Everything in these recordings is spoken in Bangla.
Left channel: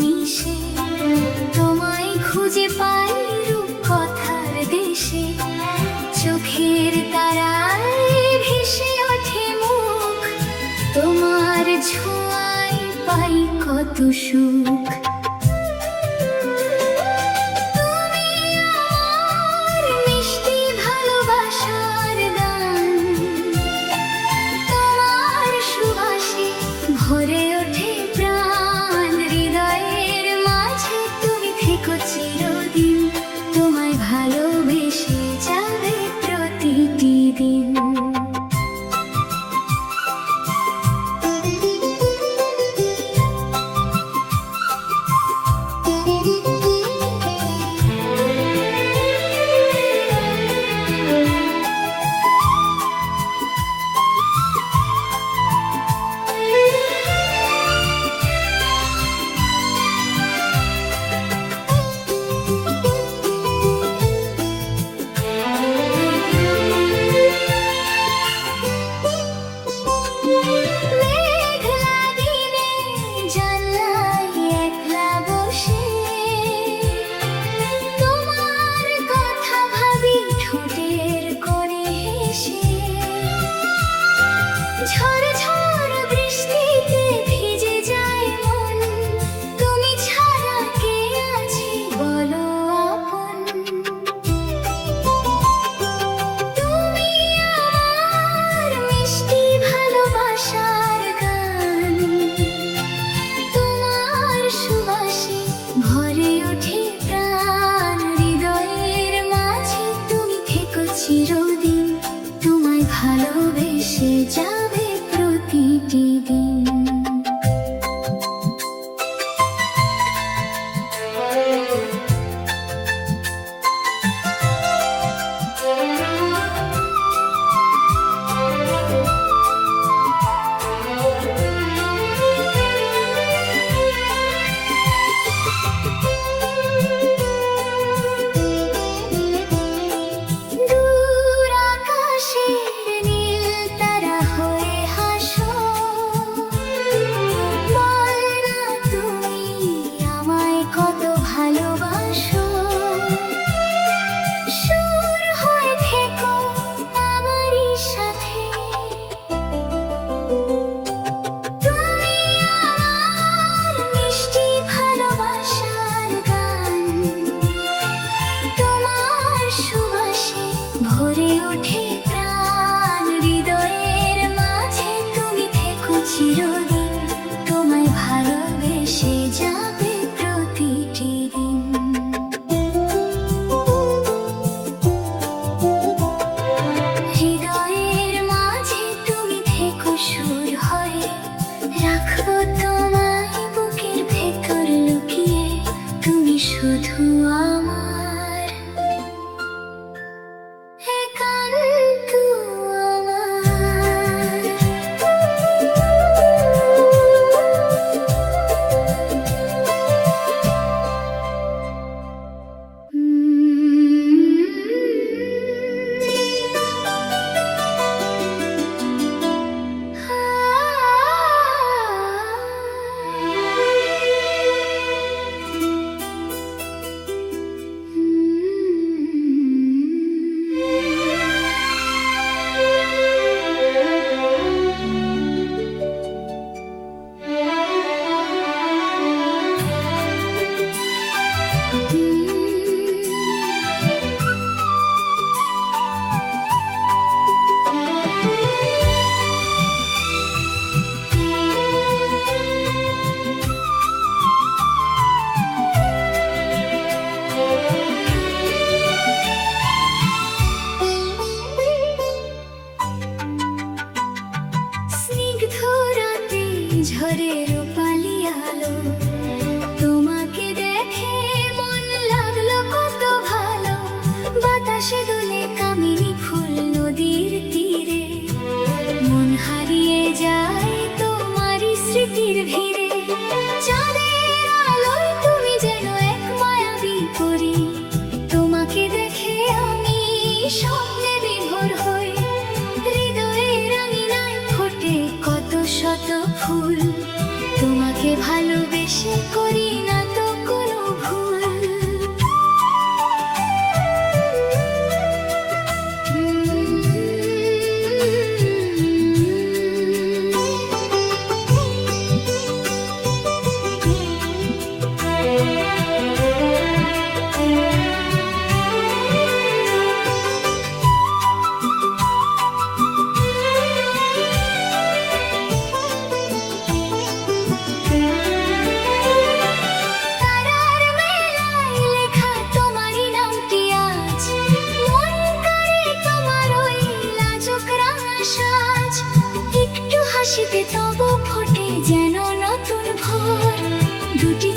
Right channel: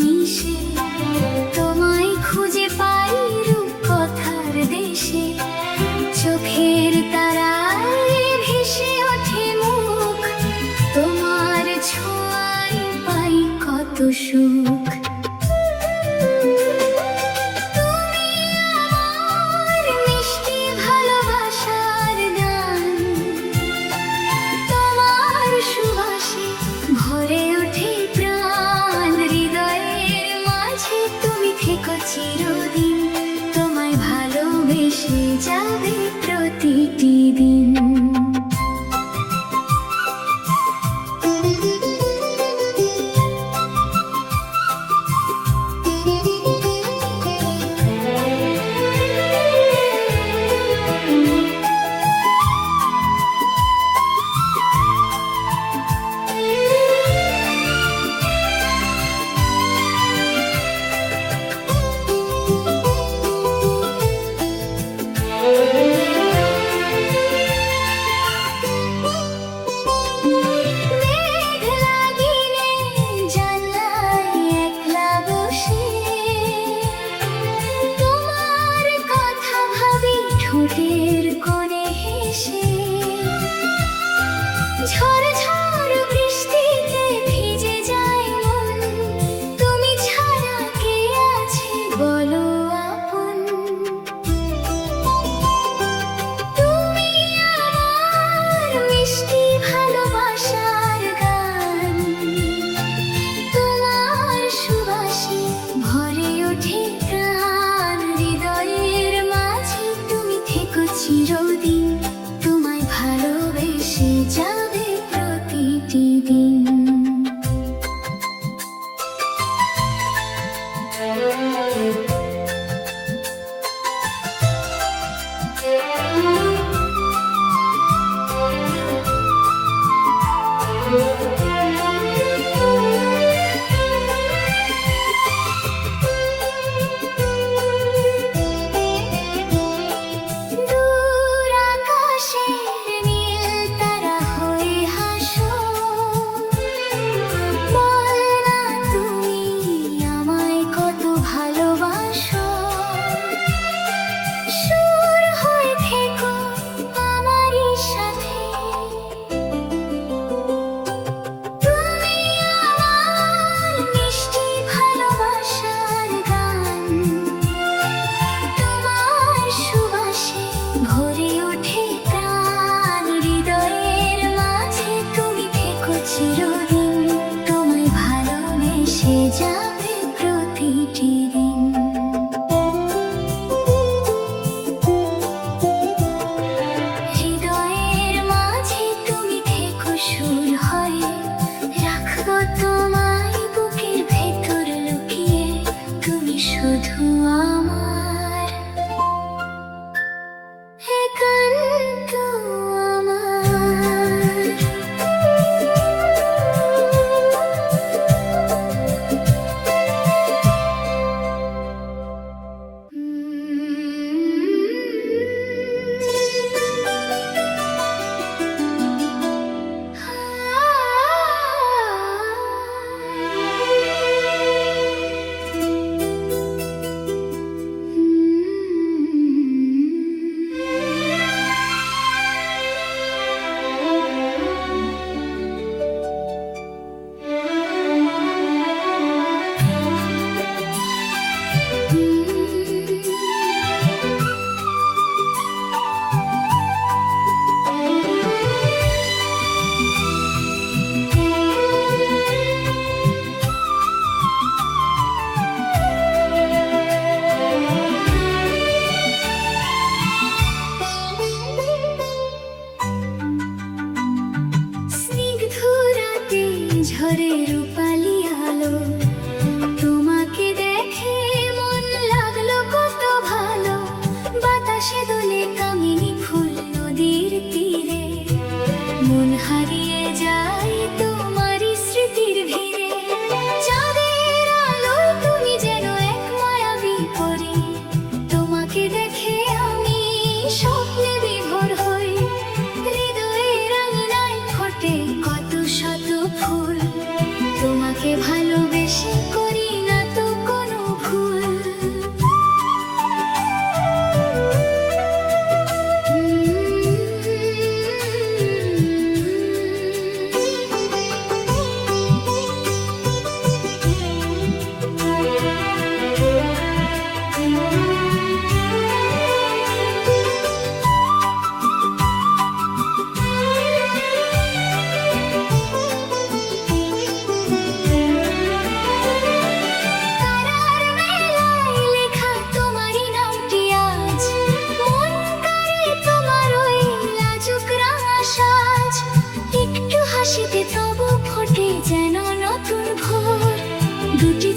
মিশে তোমায় খুঁজে পাই রূপকথার দেশে। চোখের তারায় ভেসে ওঠে মুখ, তোমার ছোঁয়ায় পাই কত সুখ। তুমি আমার মিষ্টি ভালোবাসার গান, তোমার সুবাসে ভরে ওঠে প্রাণ। হৃদয়ের মাঝে তুমি থেকো চিরদিন, তোমায় ভালোবেসে যাবে প্রতিটি দিন।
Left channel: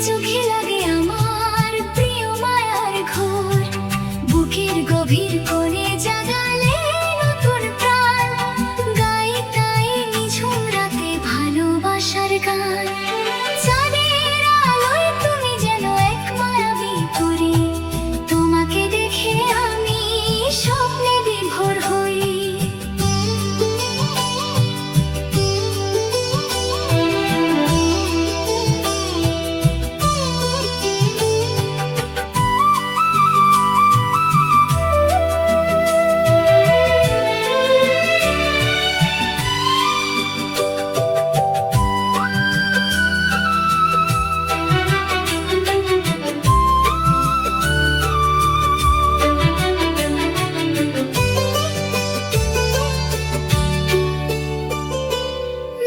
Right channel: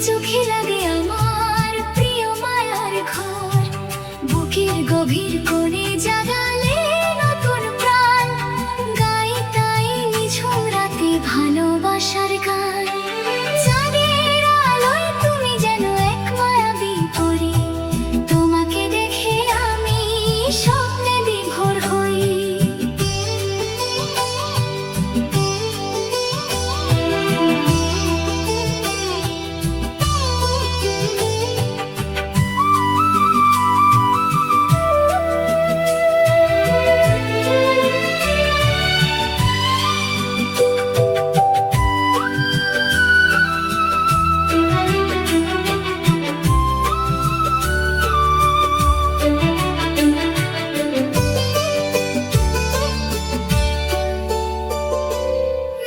চোখে লাগে আমার প্রিয় মায়ার ঘর, বুকের গভীর কোণে জাগালে নতুন প্রাণ, গাই তাই নিঝুম রাতে ভালোবাসার গান। চাঁদের আলোয় তুমি যেন এক মায়াবী পরী, তোমাকে দেখে আমি স্বপ্নে বিভোর হই।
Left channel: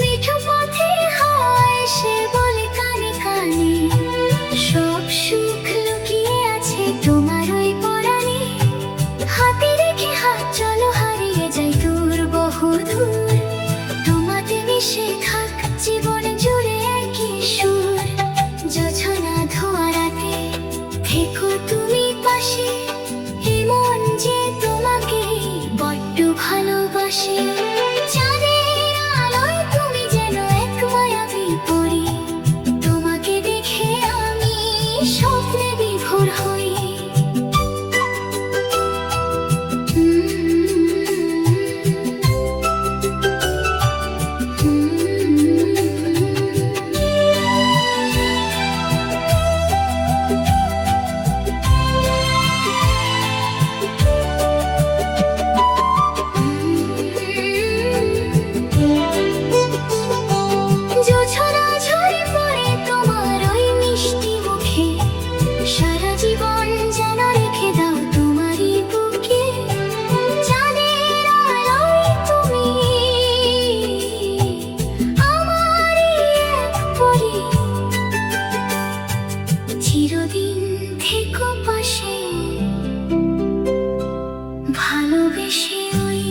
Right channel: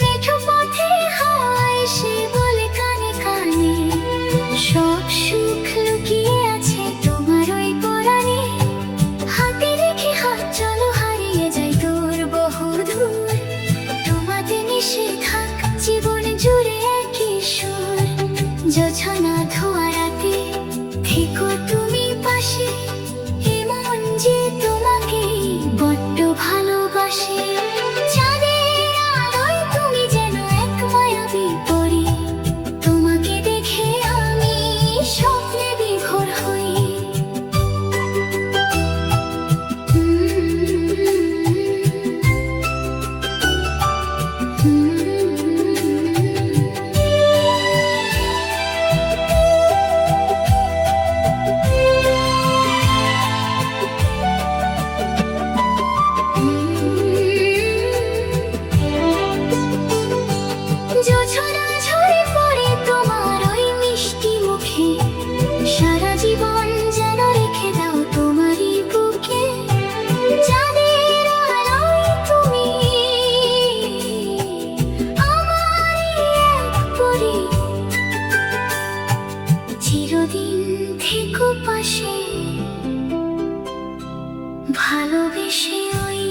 মেঠো পথে হয় সে বলে কানে কানে, সব সুখ লুকিয়ে আছে তোমার ওই পরাণে। হাতে রেখে হাত চলো হারিয়ে যাই দূর বহুদূর, তোমাতে মিশে থাক জীবন জুড়ে কিশোর। জোছনা ধোয়া রাতে থেকো তুমি পাশে, এমন যে তোমাকে বড্ড ভালোবাসে। চাঁদের আলোয় তুমি যেন এক মায়াবী পরী, তোমাকে দেখে আমি স্বপ্নে বিভোর হই। জোছনা ঝরে পড়ে তোমার ওই মিষ্টি মুখে, সারা জীবন যেন রেখে দাও তোমারই বুকে। চাঁদের আলোয় তুমি আমারই এক পরী, চিরদিন থেকো পাশে ভালোবেসে ওই।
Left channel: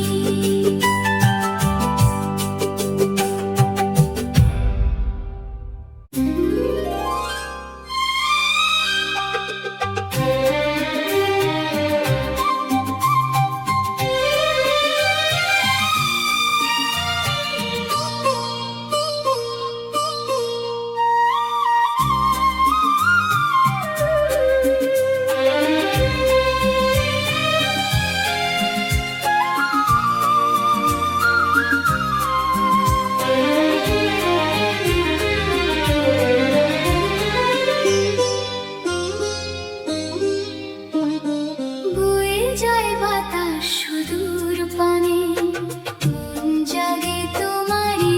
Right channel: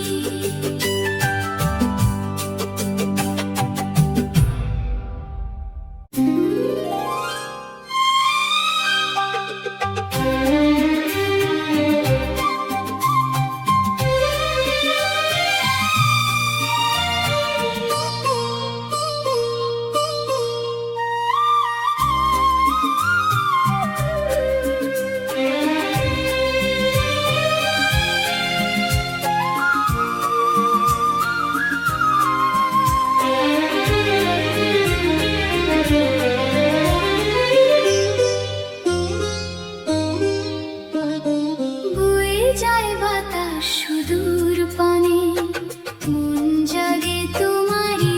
বয়ে যায় বাতাস সুদূর পানে, মন জাগে তোমারই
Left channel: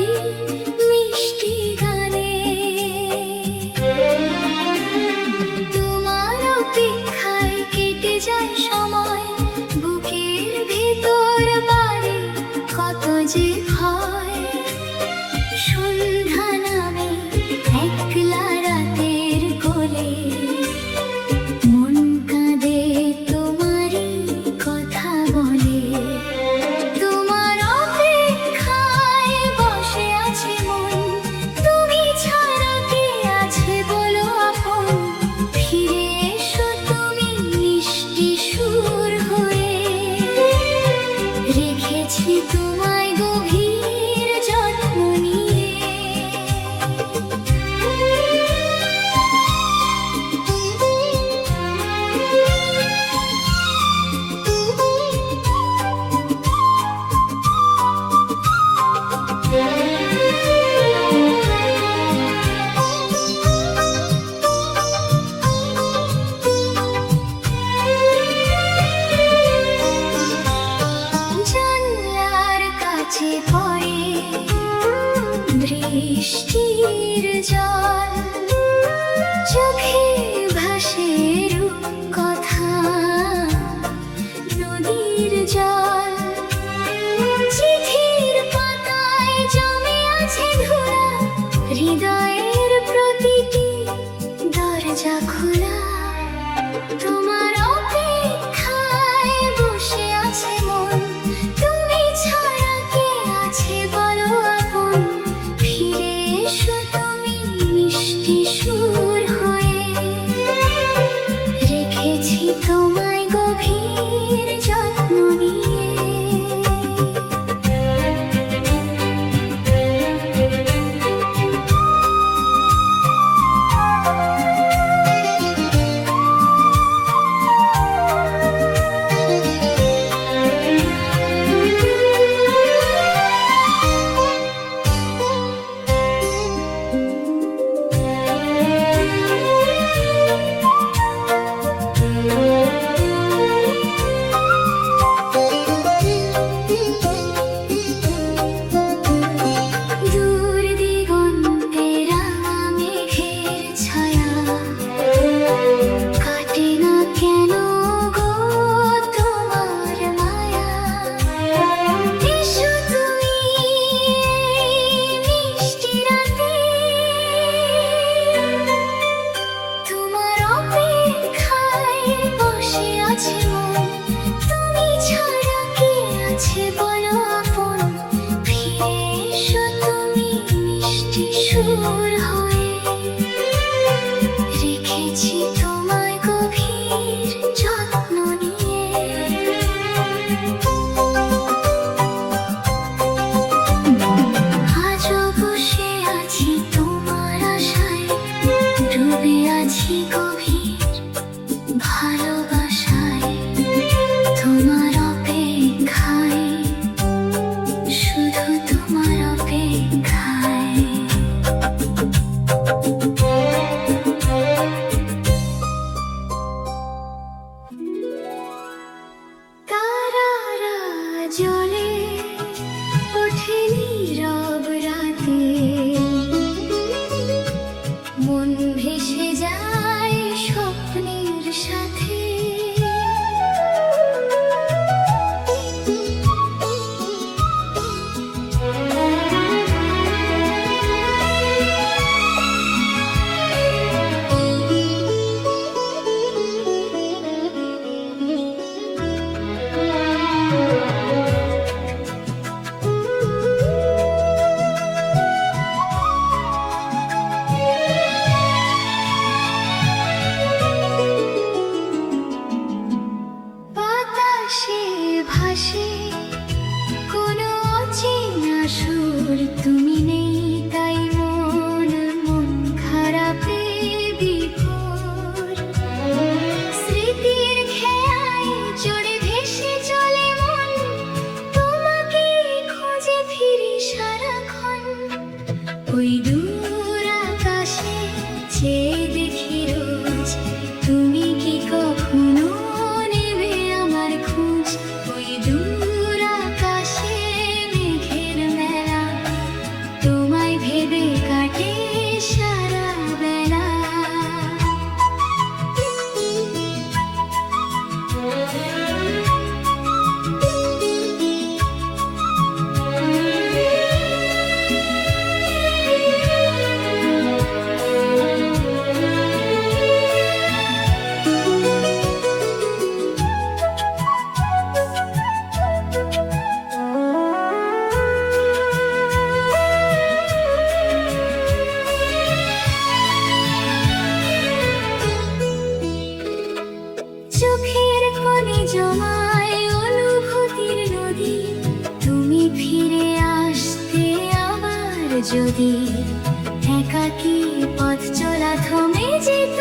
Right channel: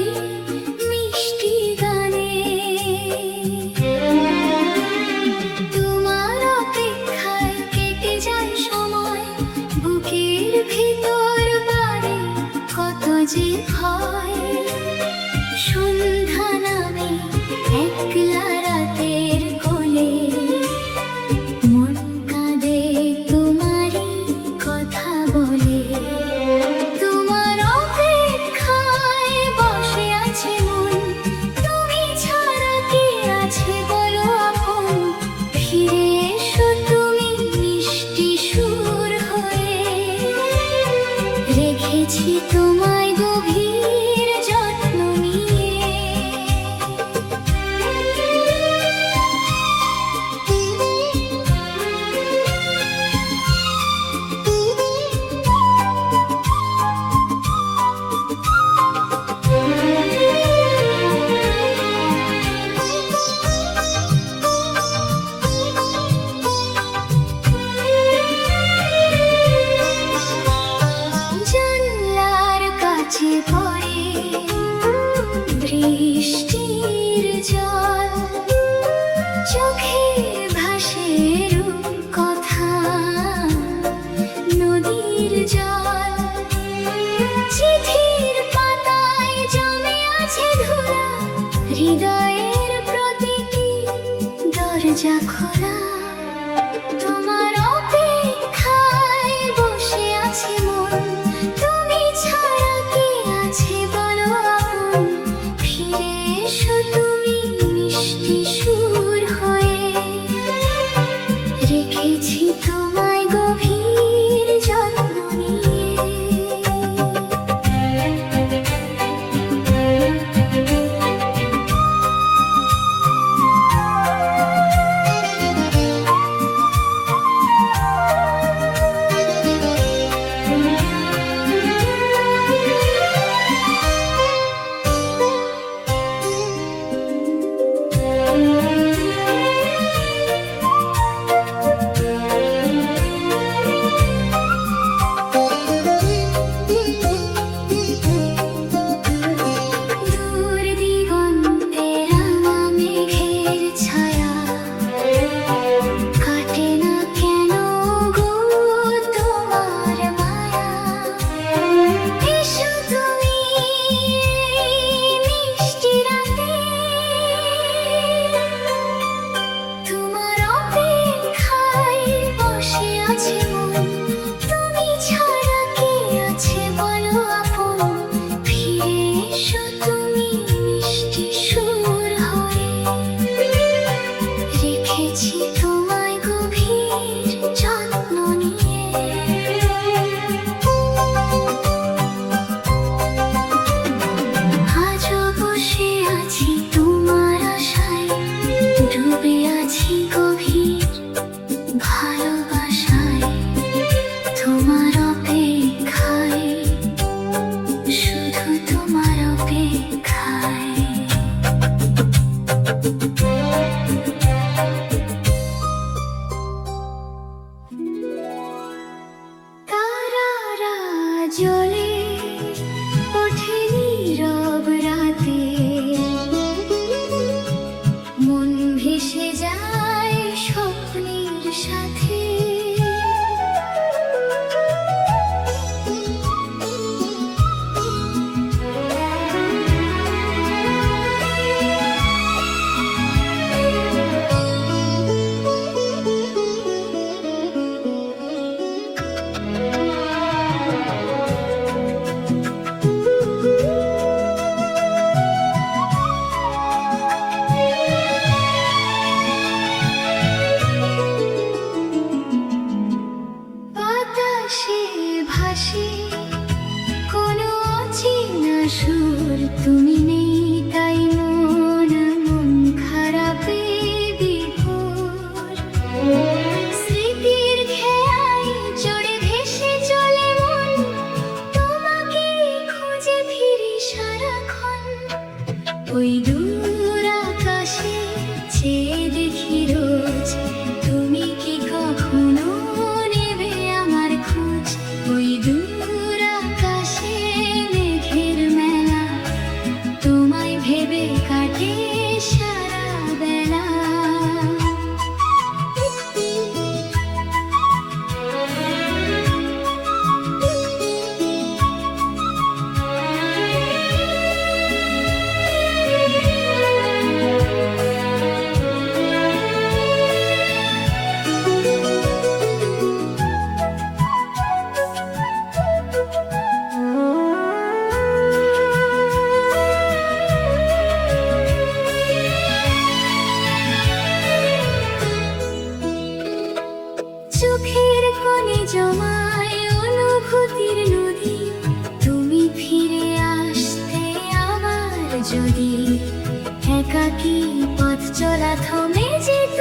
মিষ্টি গানে। তোমার অপেক্ষায় কেটে যায় সময়, বুকের ভিতর বাড়ে কত যে ভয়। সন্ধ্যা নামে একলা রাতের কোলে, মন কাঁদে তোমারই কথা বলে। তোমার অপেক্ষায় বসে আছে মন, তুমি ছাড়া কে আছে বলো আপন। ফিরে এসো তুমি মিষ্টি সুর হয়ে, রেখেছি তোমায় গভীর যত্ন নিয়ে। জানলার কাছে পড়ে বৃষ্টির জল, চোখে ভাসে রূপকথা নদীর জল। চিঠির পাতায় জমে আছে ধুলা, হৃদয়ের প্রতিটি দরজা খোলা। তোমার অপেক্ষায় বসে আছে মন, তুমি ছাড়া কে আছে বলো আপন। ফিরে এসো তুমি মিষ্টি সুর হয়ে। রেখেছি তোমায় গভীর যত্ন নিয়ে। আজও বসে আছি তোমার আশায়, ডুবে আছি গভীর ভালোবাসায়। তোমার অপেক্ষায়, শুধু তোমার অপেক্ষায়। তারারা জ্বলে ওঠে নীরব রাতে, মন ভেসে যায় স্বপ্নের সাথে। বাতাসে ভাসে কোনো অচেনা সুর, তুমি নেই তাই মন খারাপে বিভোর। স্মৃতির খেয়ায় জুড়ে ভেসে চলে মন, তোমাকে খুঁজে ফিরি সারাক্ষণ। ওই দূর আকাশে চেয়ে দেখি রোজ, তুমি কি কখনো নেবে আমার খোঁজ। ওই দূর আকাশে মেঘের মেলা, তোমায় ভেবে কাটে সারা বেলা। চোখের কোণে জমায় অনুভূতির নদী, তুমি ফিরে আসতে আবার যদি। একাকী পথ চলা থমে যেত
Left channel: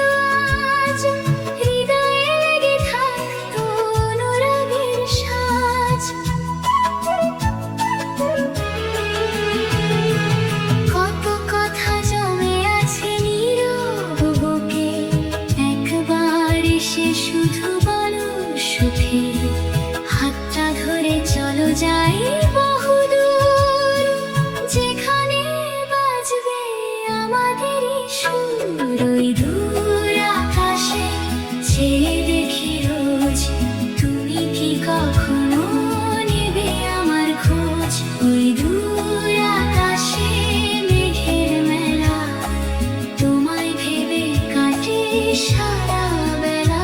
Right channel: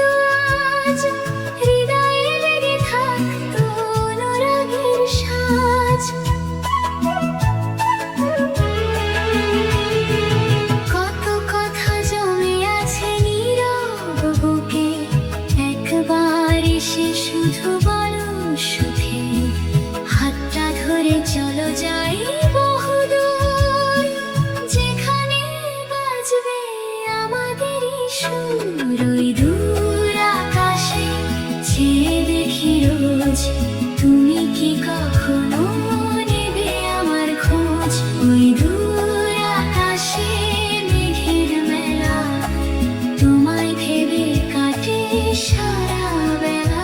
আজ, হৃদয়ে লেগে থাকতো অনুরাগের সাজ। কত কথা জমে আছে নীরব বুকে, একবার এসে শুধু বলো সুখে। হাতটা ধরে চলো যাই বহুদূর, যেখানে বাজবে আমাদেরই সুর। ওই দূর আকাশে চেয়ে দেখি রোজ, তুমি কি কখনো নেবে আমার খোঁজ। ওই দূর আকাশে মেঘের মেলা, তোমায় ভেবে কাটে সারা বেলা।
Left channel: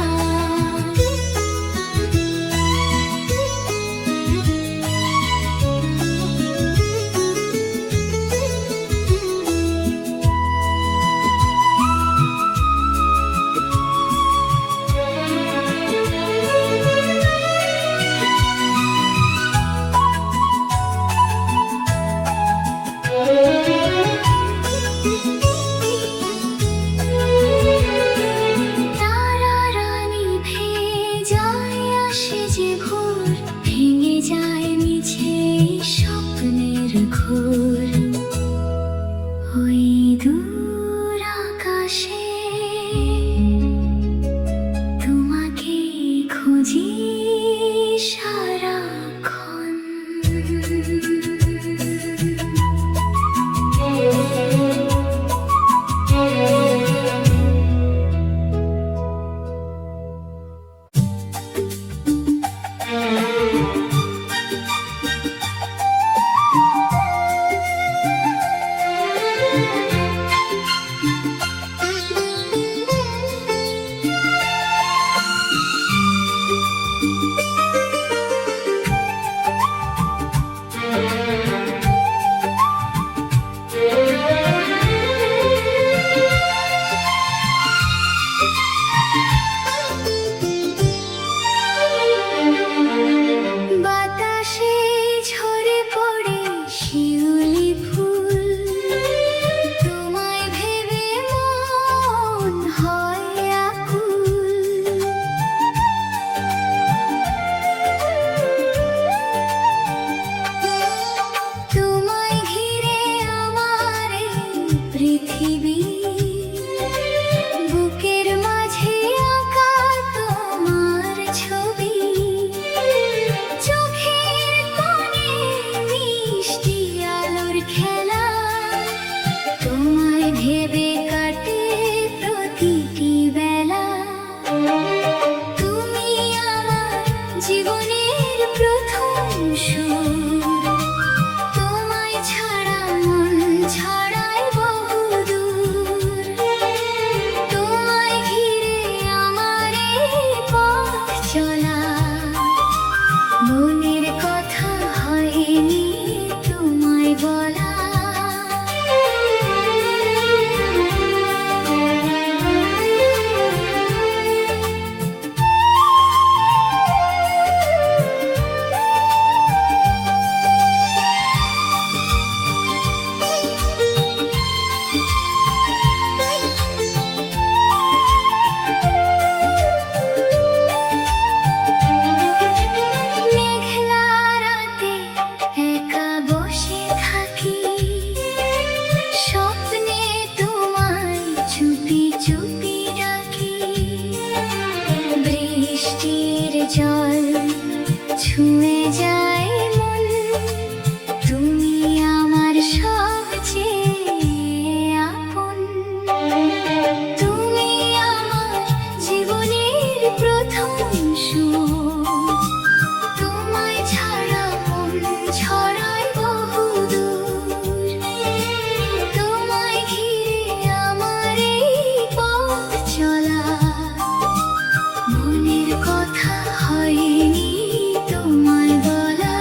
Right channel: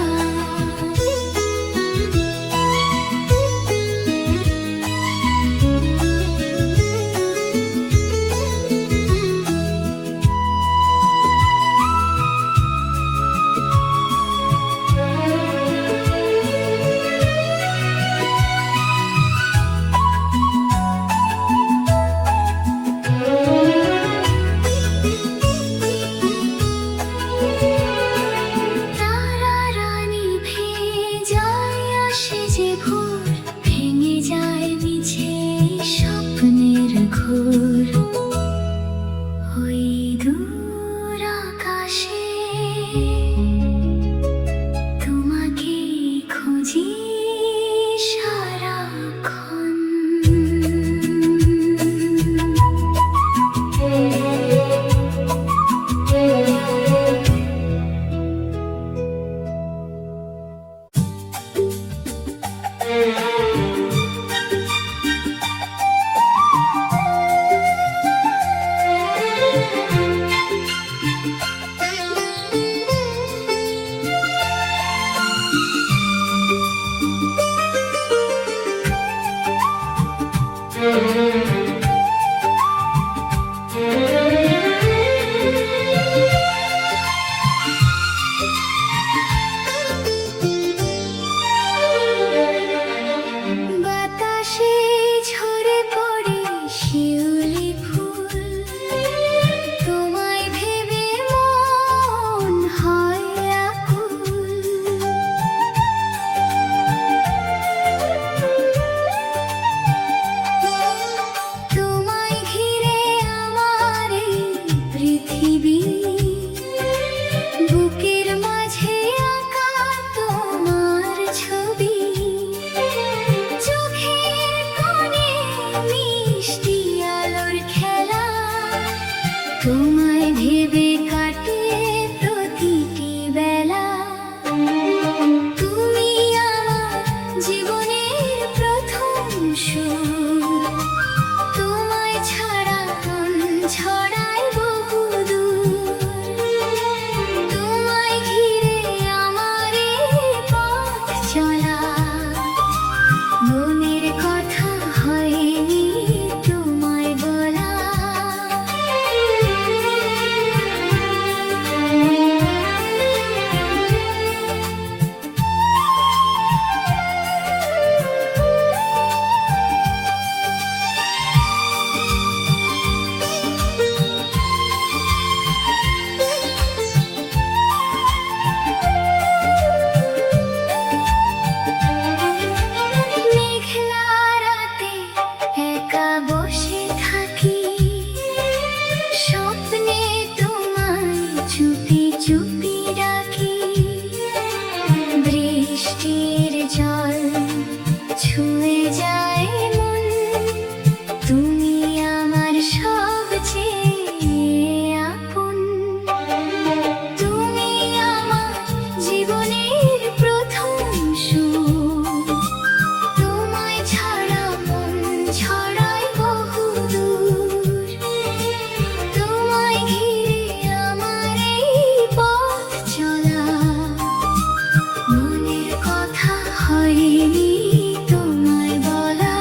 ছুঁয়ে যায় মন, তুমি আমার সবচেয়ে আপন। তুমি আমার জীবনের প্রথম সুর, তোমায় ছাড়া মন ছড়ায় বহুদূর। তোমায় ঘিরে আমার এই পথ চলা, মনের কথা হয়নি তোমায় বলা।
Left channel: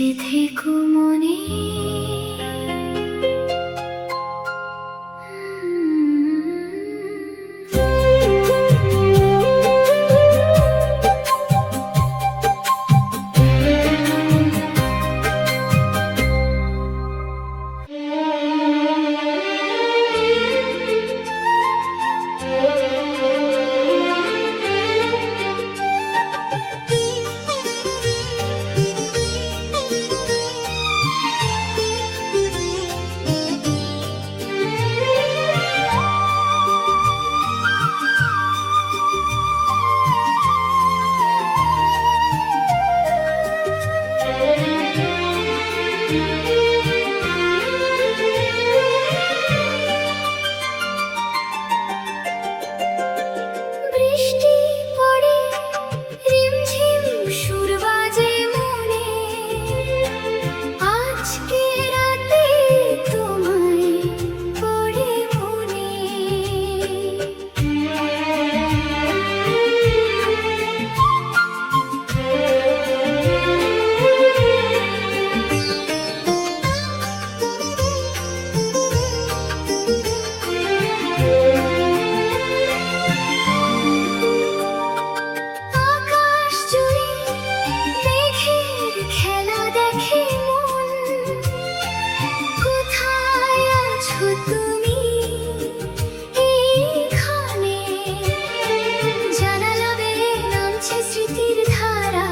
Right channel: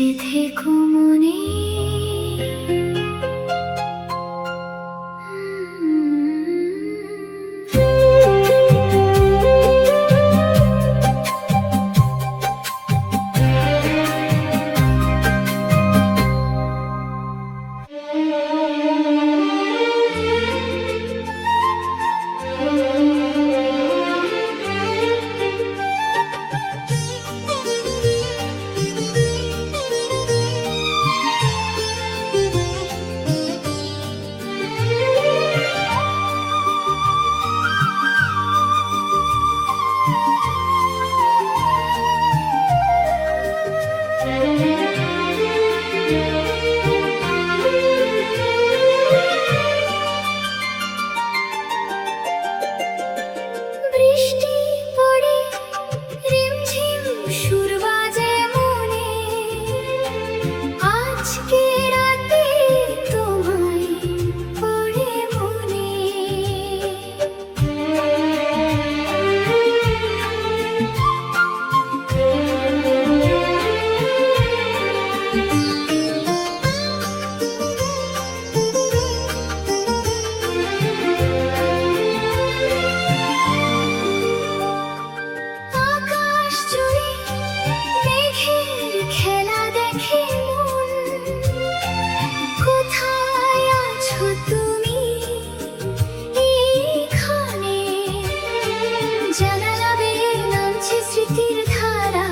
বেঁচে থেকো মনে। বৃষ্টি পড়ে রিমঝিম সুর বাজে মনে, আজকে রাতে তোমায় পড়ে মনে। আকাশ জুড়ে মেঘের খেলা দেখে মন, কোথায় আছো তুমি এইখানে? জানালা বেয়ে নামছে স্মৃতির ধারা,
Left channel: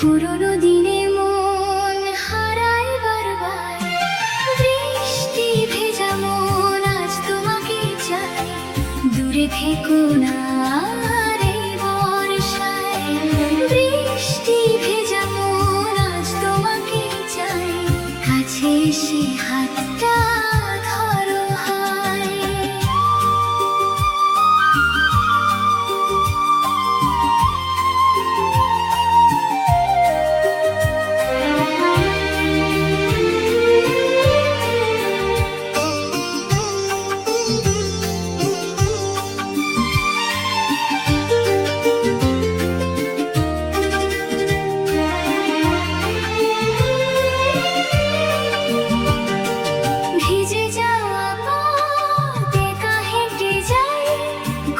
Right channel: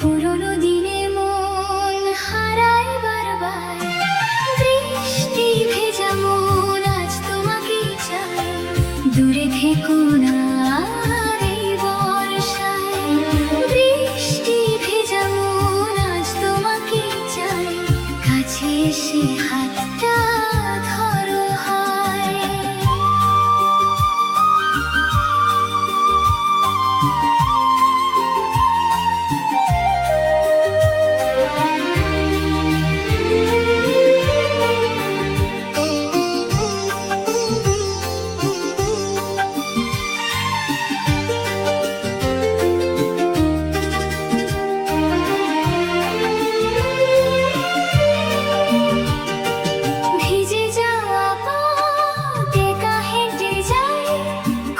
পুরনো দিনে মন হারায় বারবার। বৃষ্টি ভেজা মন আজ তোমাকে চাই, দূরে থেকো না আর এই বর্ষায়। বৃষ্টি ভেজা মন আজ তোমাকে চাই, কাছে এসে হাতটা ধরো হায়। ভিজে যাওয়া পথ একা হেঁটে যাই,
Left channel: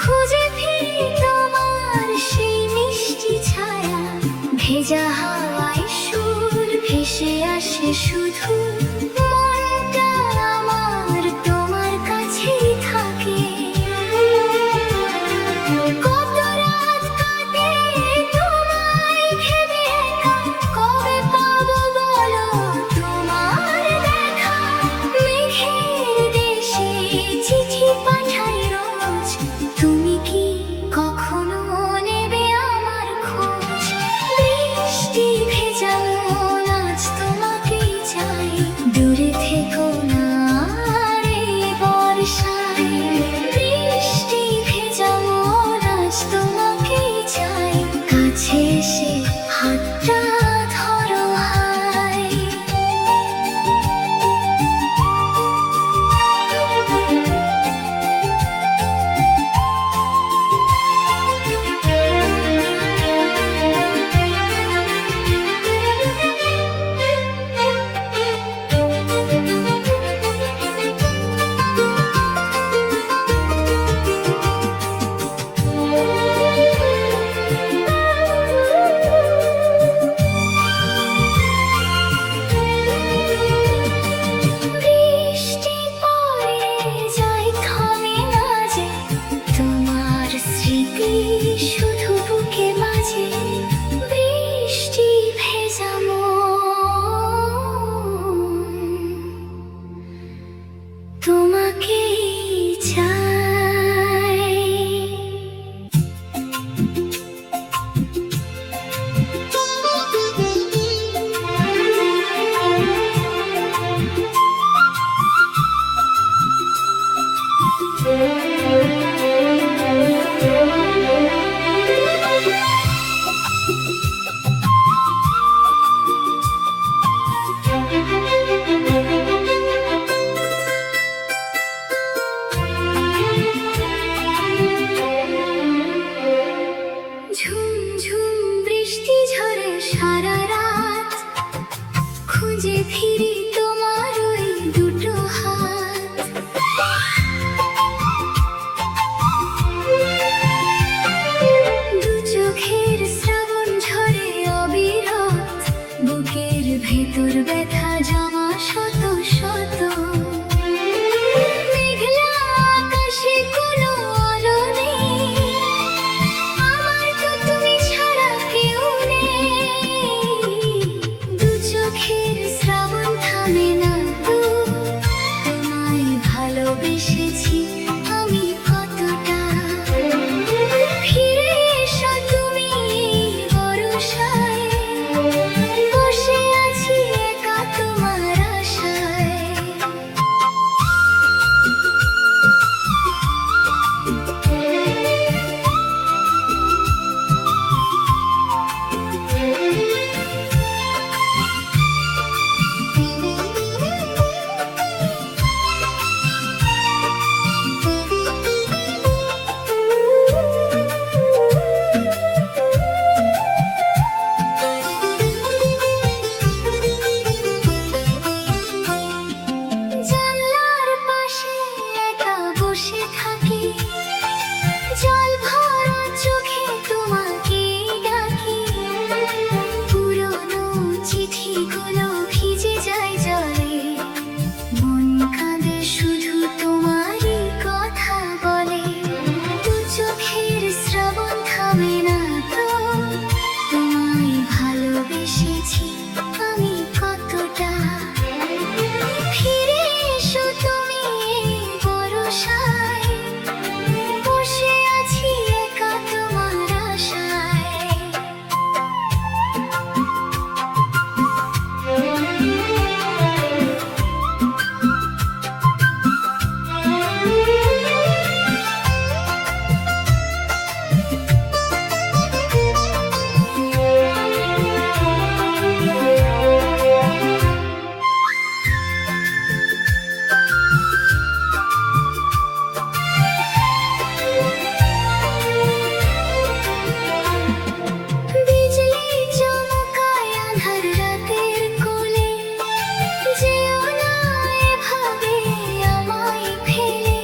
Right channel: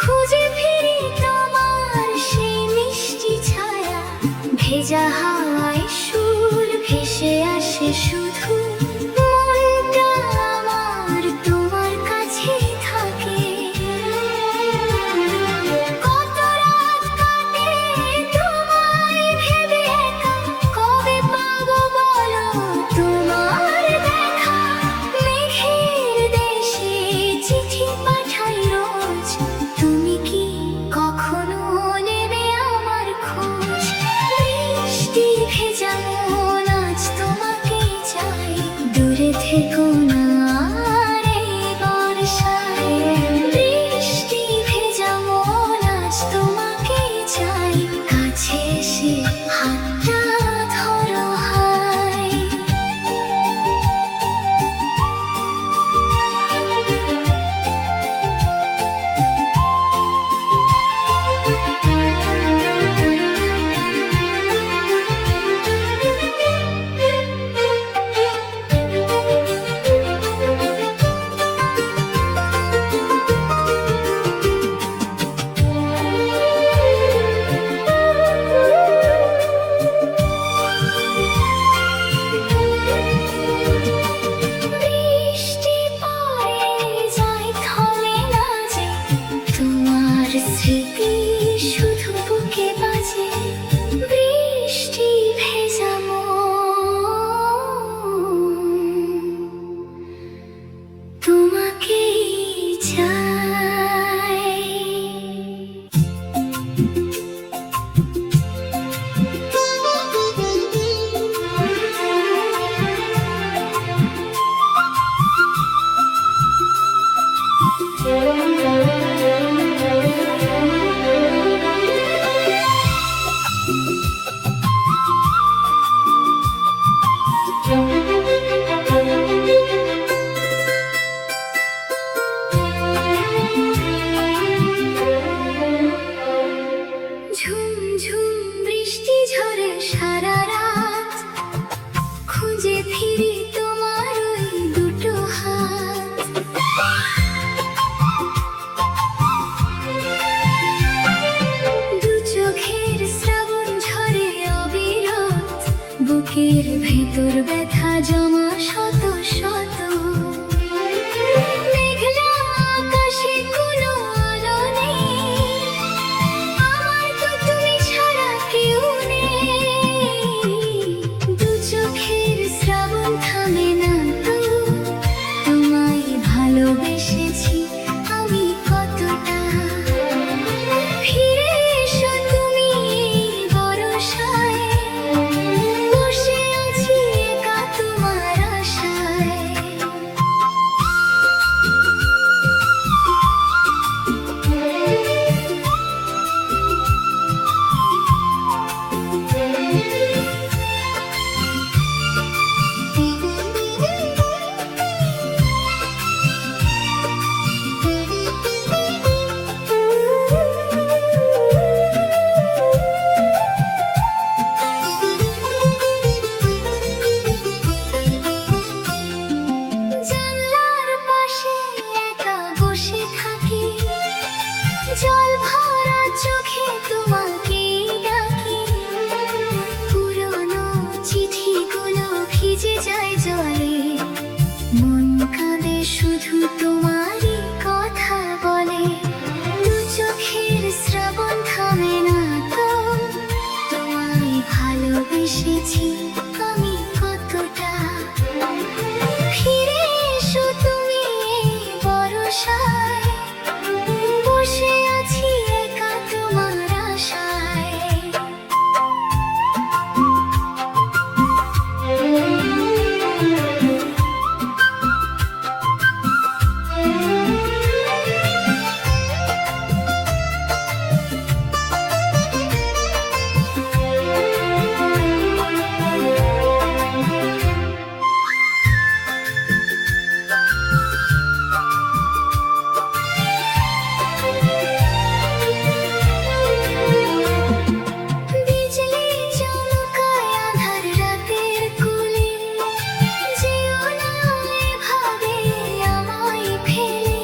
খুঁজে ফিরি তোমার সেই মিষ্টি ছায়া। ভেজা হাওয়ায় সুর ভেসে আসে শুধু, মনটা আমার তোমার কাছেই থাকে। কত রাত কাটে তোমায় ভেবে একা, কবে পাবো বলো তোমার দেখা? মেঘের দেশে চিঠি পাঠাই রোজ, তুমি কি কখনো নেবে আমার খোঁজ? বৃষ্টি কাঁদে শুধু তোমারই কথা বলে, দু চোখের শ্রাবণ থামে না তো। তোমায় ভালোবেসেছি আমি কতটা, ফিরে এসো তুমি বরসায়, বসে আছি একা তোমার আশায়। বিজলি চমকায় আঁধার রাতের কোলে, যেও না এভাবে আমায় ফেলে।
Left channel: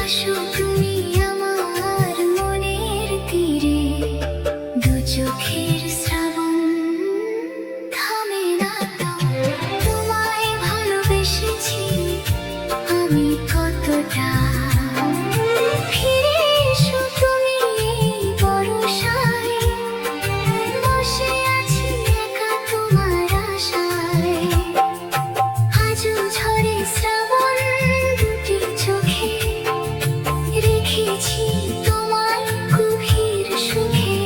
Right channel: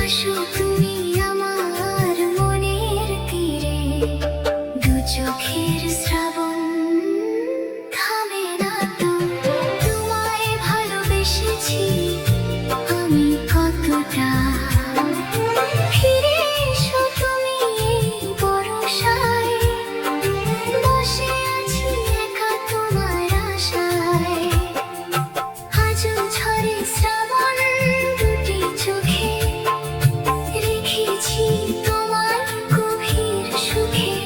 আসো তুমি আমার মনের তীরে, দু চোখের শ্রাবণ থামে না তো। তোমায় ভালোবেসেছি আমি কতটা, ফিরে এসো তুমি বরসায়, বসে আছি একা তোমার আশায়। আজও ঝরে শ্রাবণ দুটি চোখে, রেখেছি তোমার গভীর সুখে,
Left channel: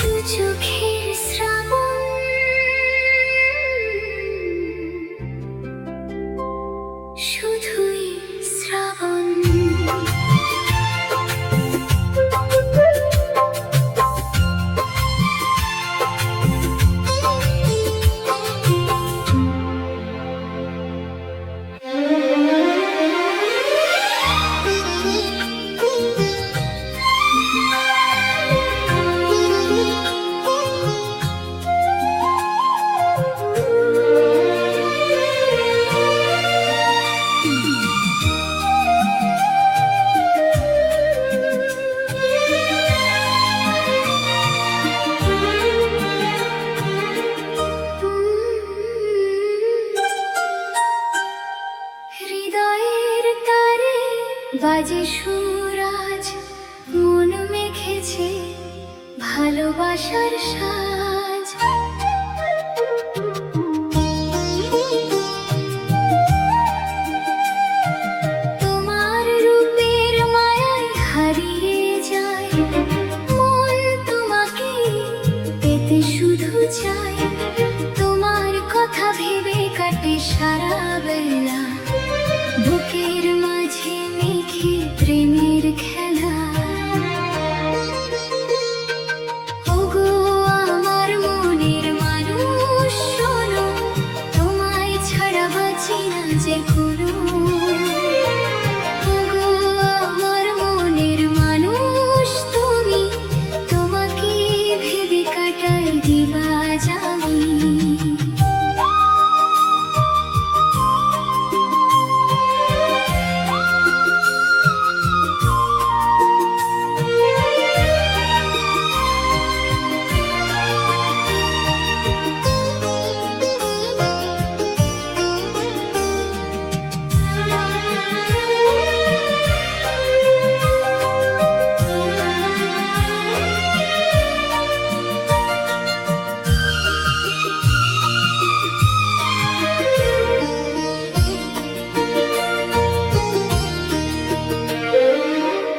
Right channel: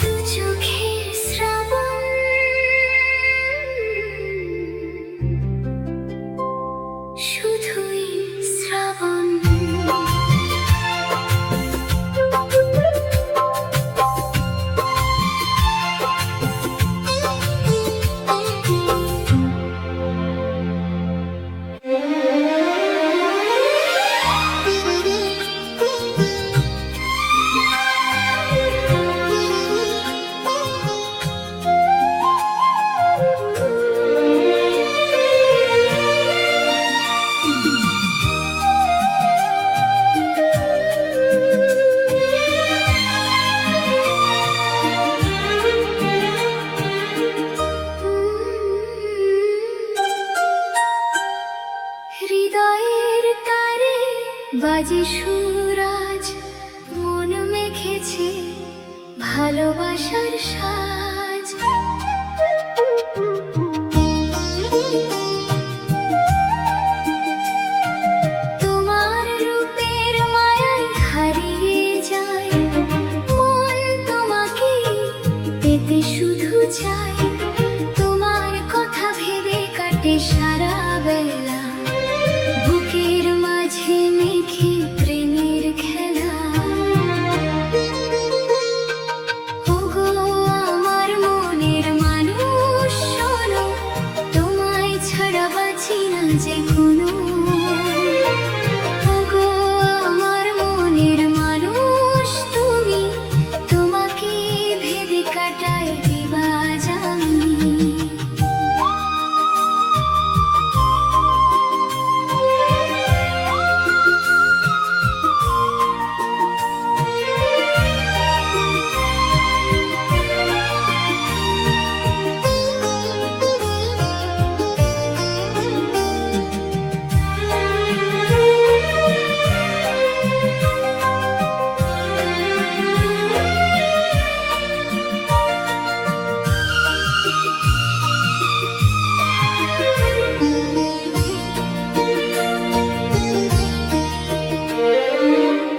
দু চোখের শ্রাবণ, শুধুই শ্রাবণ। হৃদয়ের তারে বাজে সুরাজ, মন মেখেছে ভালোবাসার সাজ। তোমার রূপের মায়ায় হারিয়ে যায় মন, তোমাকে পেতে শুধু চাই। তোমার কথা ভেবে কাটে সারা বেলা, বুকের মাঝে মেঘে প্রেমের খেলা। ওগো আমার মনের মানুষ শোনো, তোমায় ছাড়া বাঁচি না যে কোনো। ওগো আমার মনের মানুষ তুমি, তোমাকে ভেবে কাটাই দিবা জানি।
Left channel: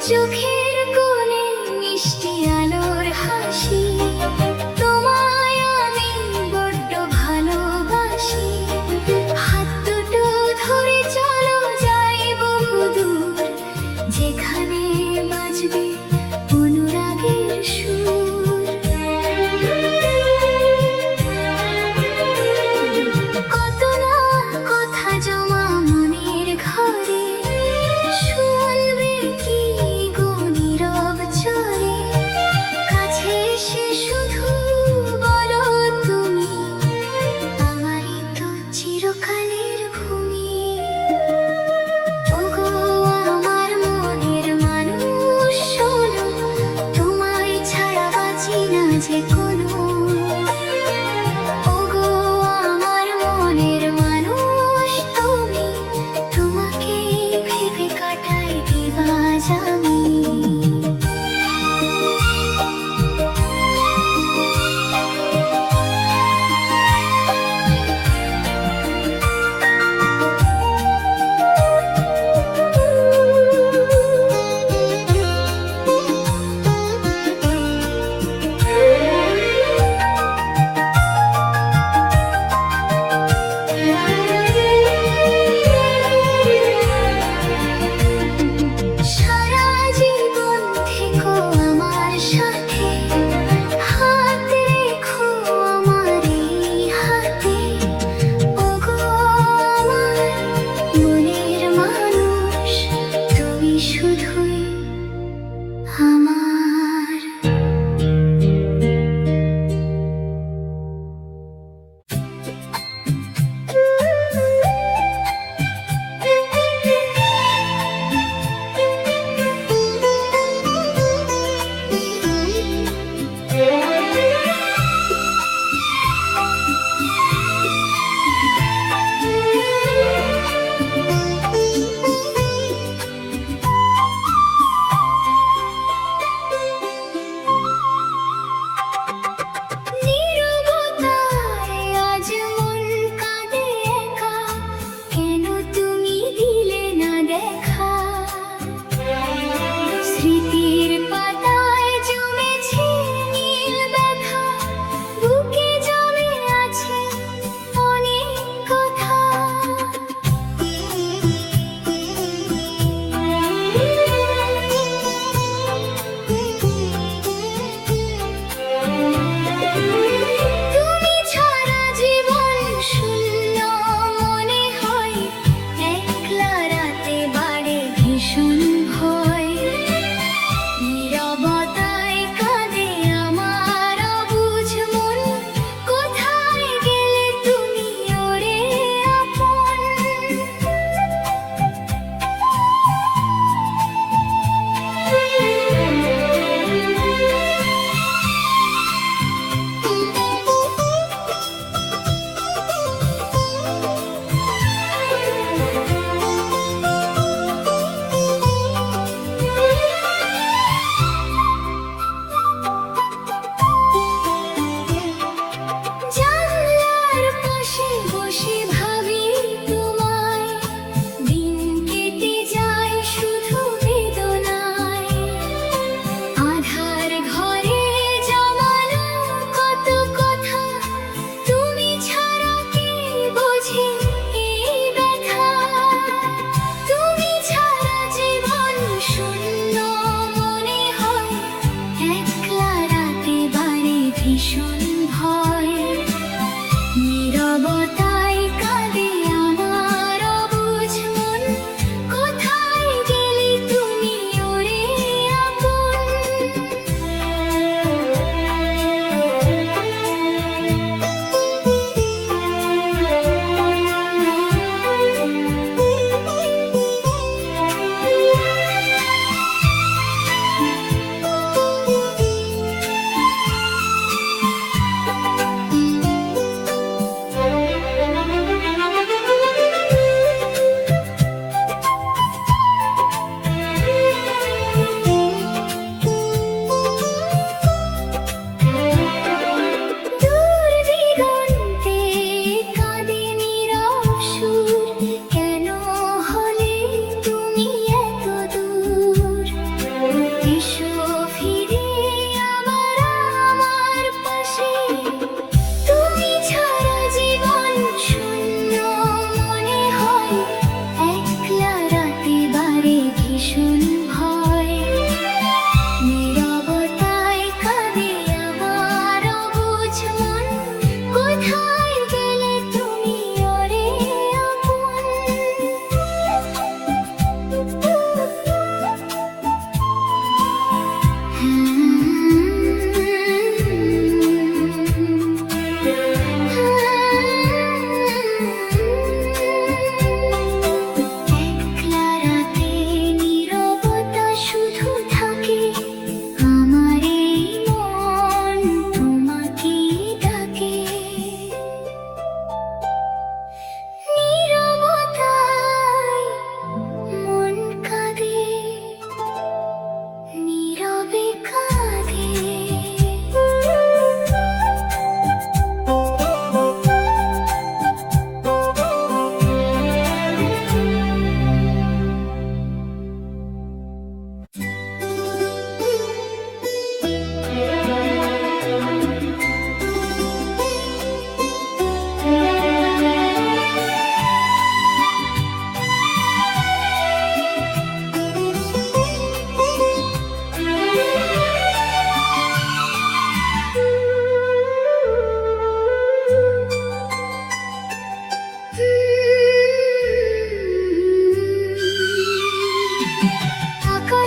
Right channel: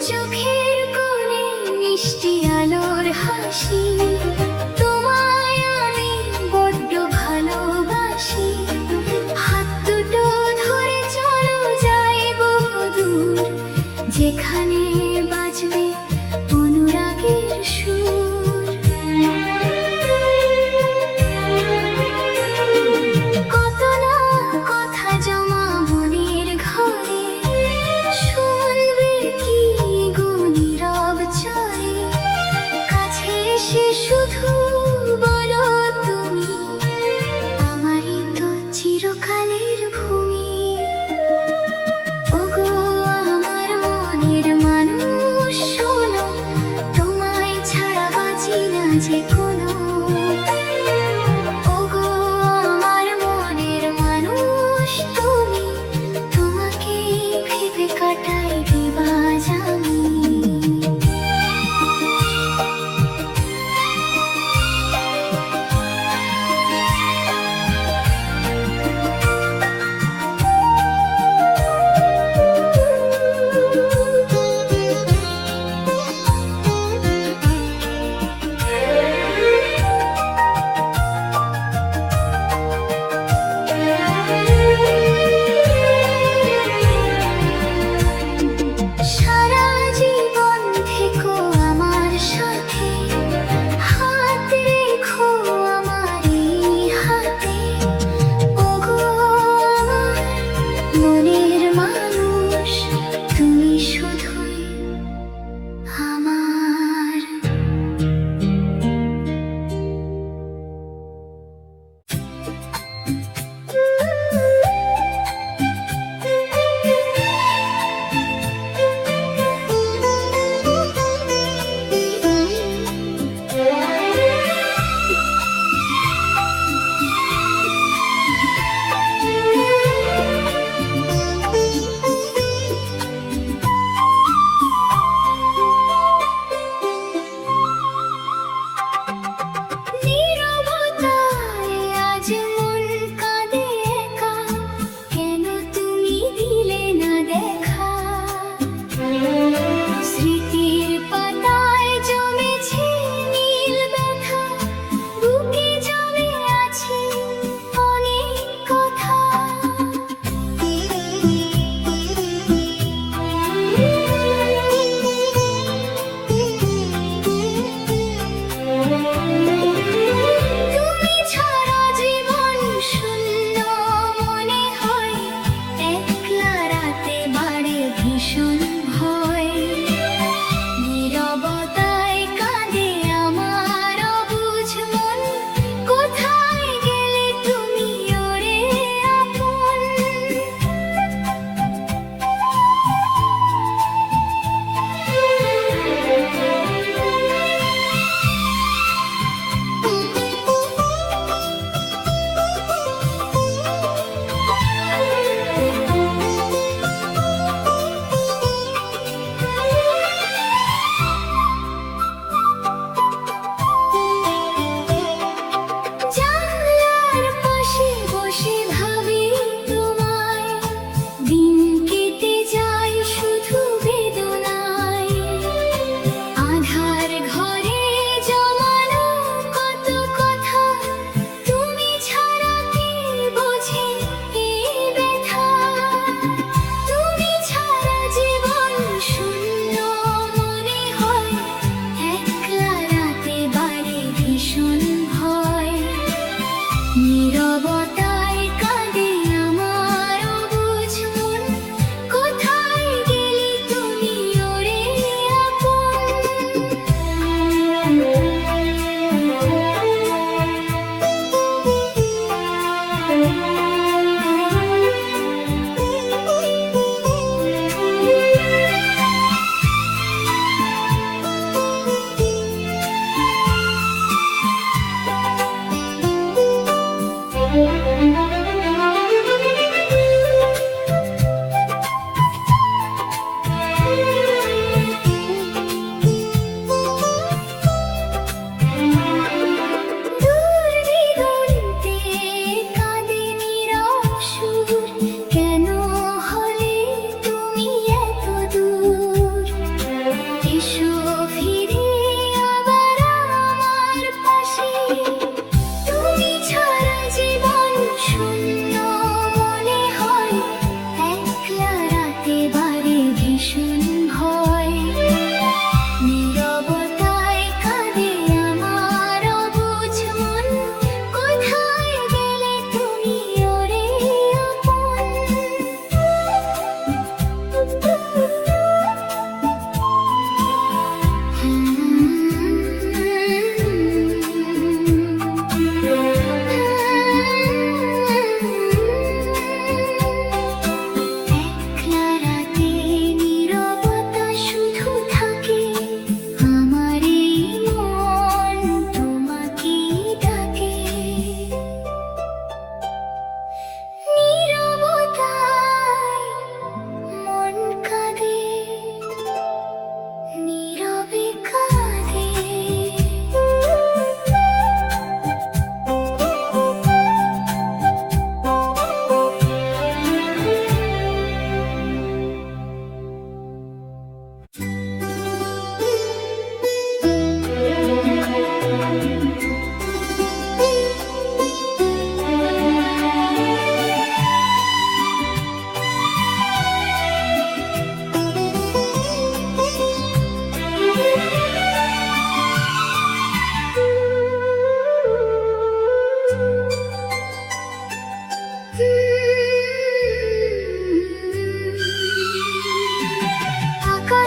চোখের কোণে মিষ্টি আলোর হাসি, তোমায় আমি বড্ড ভালোবাসি। হাত দুটো ধরে চলো যাই বহুদূর, যেখানে বাজবে অনুরাগের সুর। কত না কথা জমা মনের ঘরে, শুনবে কি গো নীরব চরে। কাছে এসে শুধু বলো তুমি, আমারই তো চিরকালের ভূমি। ওগো আমার মনের মানুষ শোনো, তোমায় ছাড়া বাঁচি না যে কোনো। ওগো আমার মনের মানুষ তুমি,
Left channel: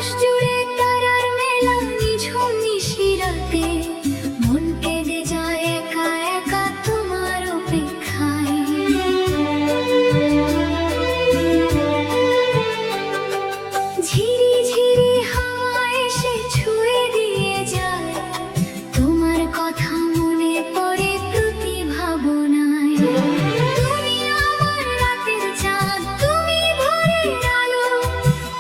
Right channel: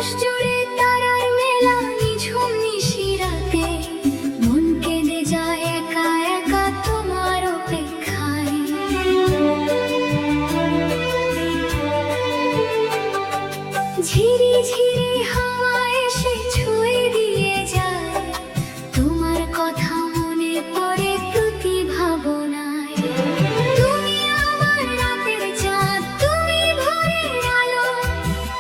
আকাশ জুড়ে তারার মেলা নিঝুম নিশিরাতে মন কেঁদে যায় একা একা তোমার অপেক্ষায়। ঝিরি ঝিরি হাওয়া এসে ছুঁয়ে দিয়ে যায় তোমার কথা মনে পড়ে প্রতি ভাবনায়। তুমি আমার রাতের চাঁদ, তুমি ভোরের আলো,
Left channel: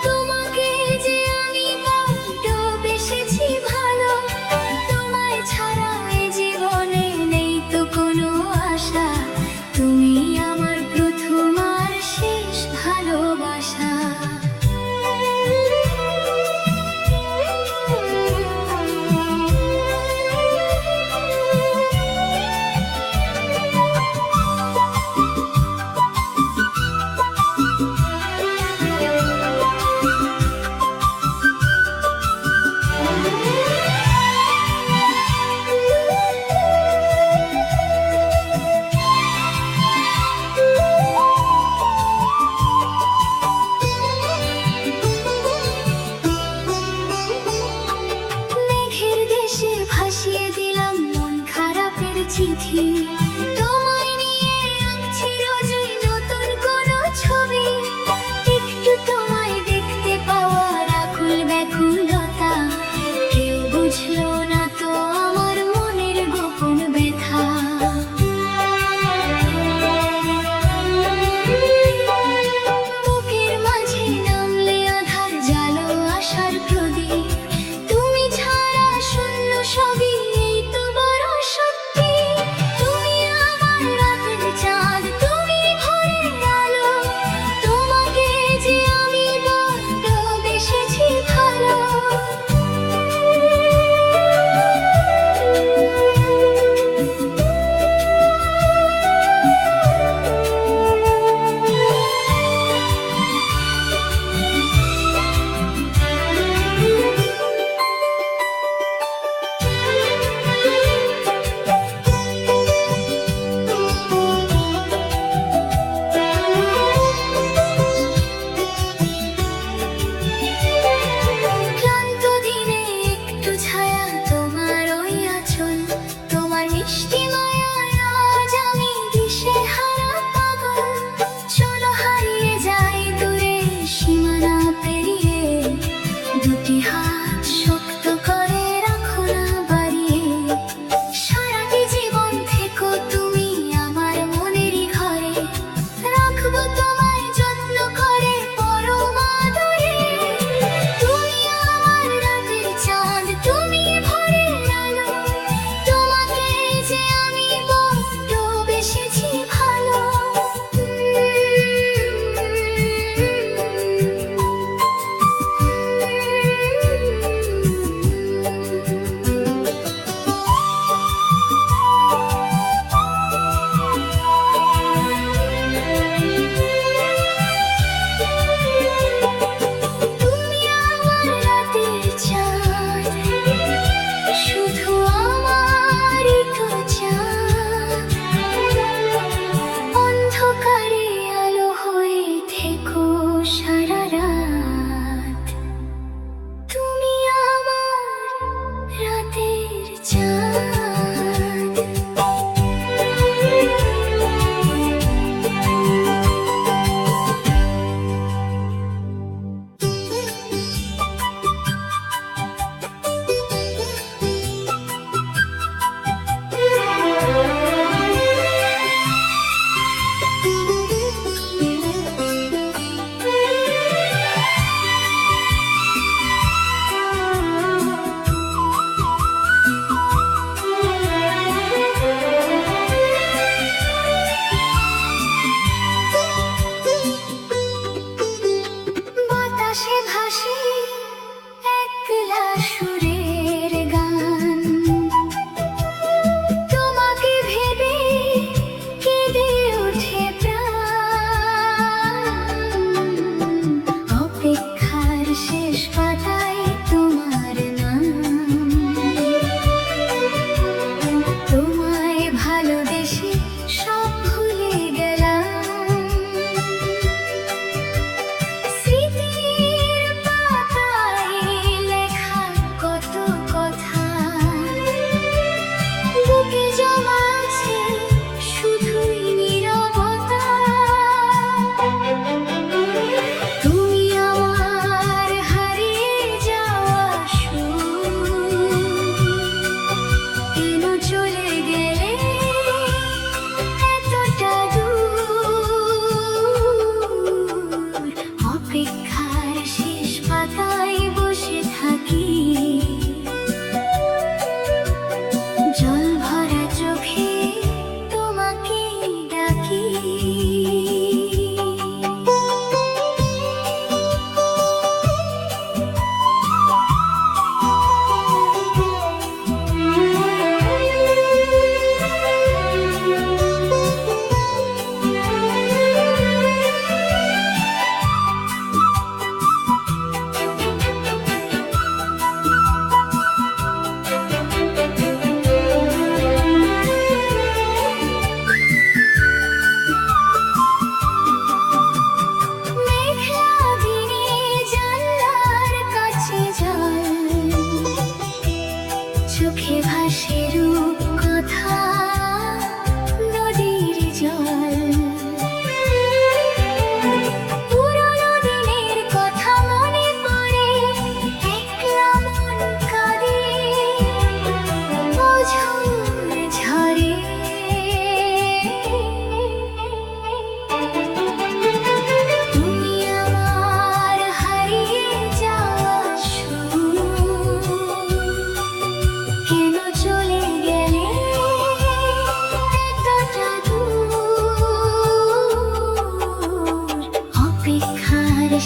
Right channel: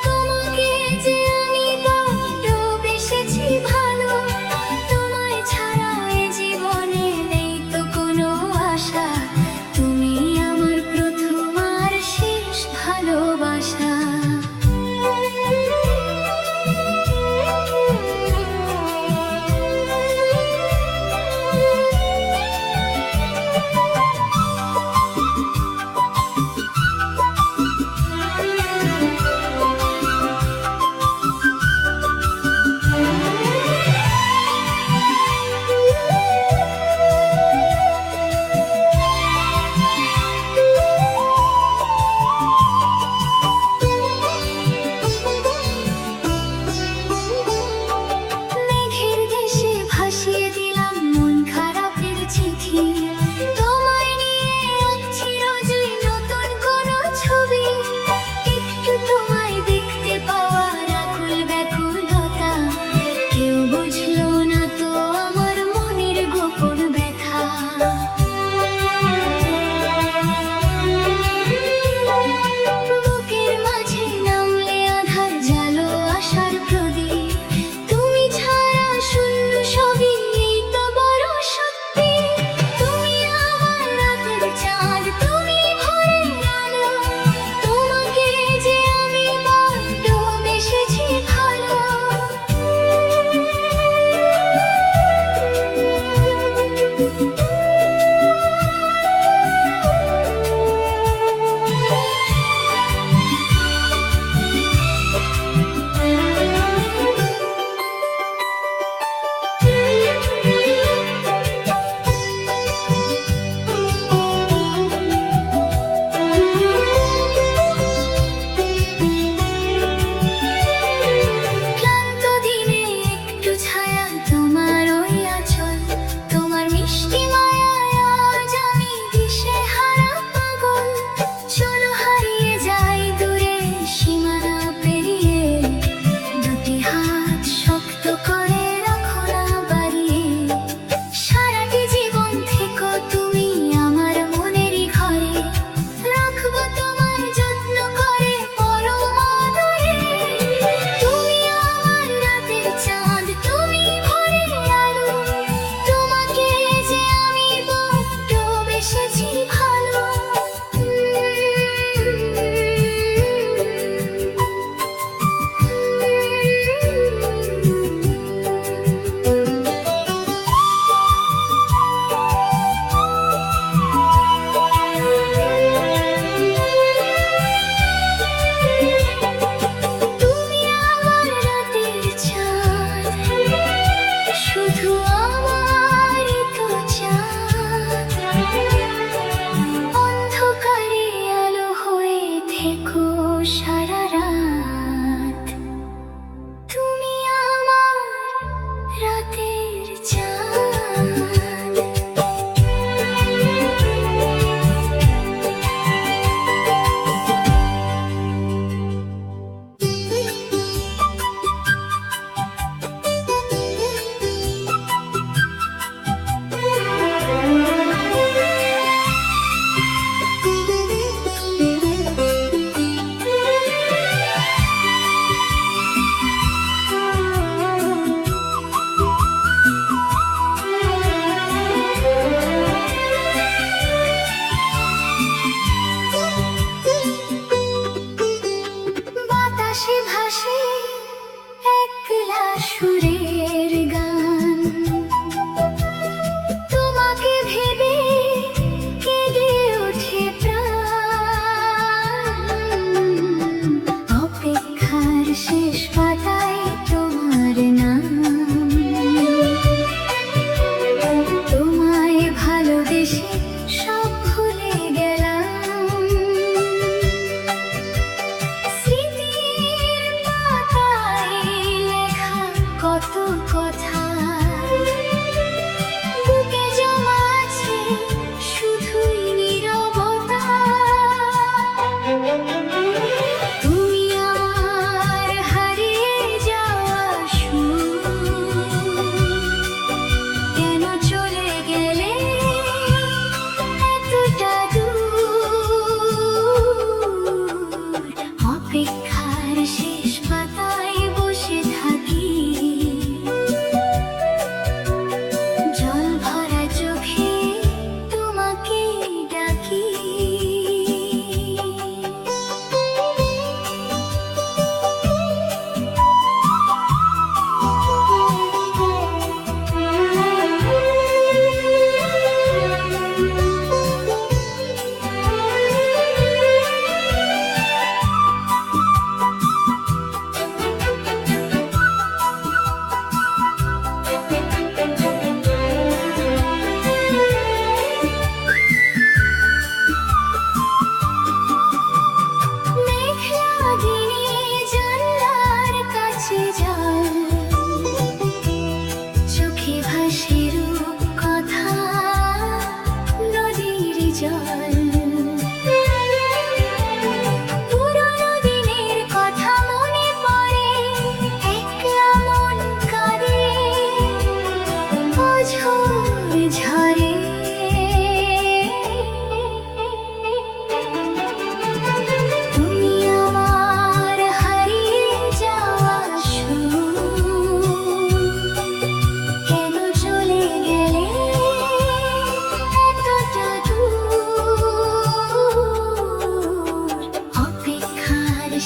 তোমাকে যে আমি বড্ড বেসেছি ভালো। তোমায় ছাড়া এই জীবনে নেই তো কোনো আশা, তুমি আমার প্রথম আর শেষ ভালোবাসা। মেঘের দেশে ভাসিয়ে দিলাম মন খারাপের চিঠি, তোমায় নিয়ে আঁকছি রোজই নতুন কোনো ছবি। একটু তোমায় দেখতে পাওয়ার আকুল ব্যাকুলতা, কেউ বুঝলো না তো আমার মনের গোপন ব্যথা। বুকের মাঝে নামলে আধার জালো আশার প্রদীপ, তুমি ছাড়া শূন্য সবই এই তো বড় সত্যি। তুমি আমার রাতের চাঁদ, তুমি ভোরের আলো, তোমাকে যে আমি বড্ড বেসেছি ভালো। ক্লান্ত দিনে একটু ছায়া তোমার ওই আঁচল, তোমার মিষ্টি মায়ায় আজ আমি দিশেহারা পাগল। চলো হারিয়ে যাই দূরে সীমানা পেরিয়ে, দুটি হাত শক্ত করে রাখো না বাড়িয়ে। সারাটি জীবন থেকো তুমি আমার মনেরই ঘরে, রাখবো তোমায় যত্ন করে পরম আদরে। তুমি আমার রাতের চাঁদ, তুমি ভোরের আলো, তোমাকে যে আমি বড্ড বেসেছি ভালো। তুমি আমার রাতের চাঁদ, শুধু আমারই তো চাঁদ। অন্ধকারে আলো হয়ে থেকো সারা রাত, তুমি আমার রাতের চাঁদ। বাতাসে ভাসে একলা সুরের গান, তোমাকে ভেবে কেঁদে ওঠে প্রাণ। অপেক্ষার শেষ পাতায় তোমার নাম, তোমায় ভালোবেসে সব ভুলে গেলাম। স্মৃতির পাতায়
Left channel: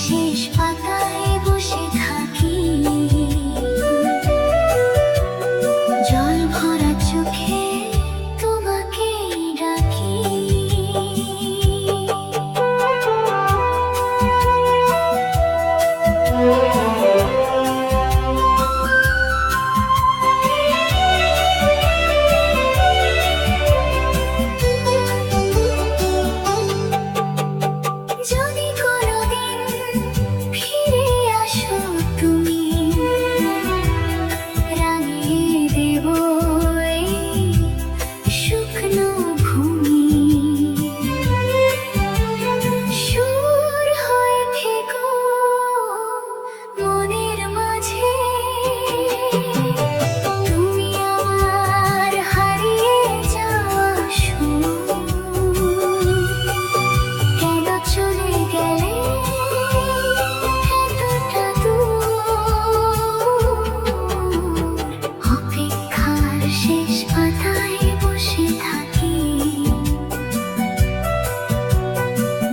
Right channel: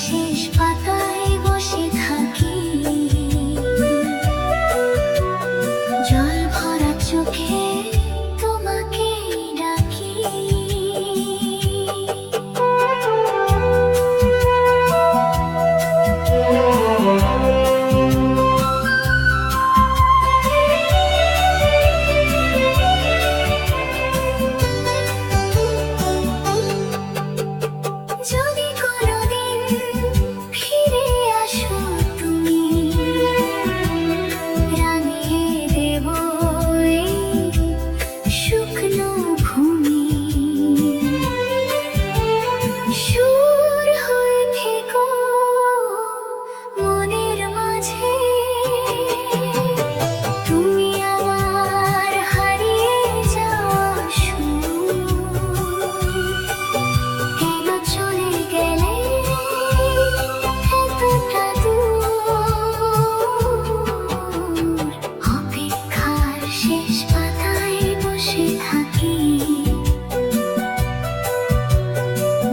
শেষ পাতায় বসে থাকি, জল ভরা চোখে তোমাকে ডাকি। যদি কোনোদিন ফিরে আসো তুমি, রাঙিয়ে দেব এই শুকনো ভূমি। সুর হয়ে থেকো মনের মাঝে, তুমি আমার হারিয়ে যাওয়া সুর। এবার চলে গেলে এতটা দূর, অপেক্ষার শেষ পাতায় বসে থাকি,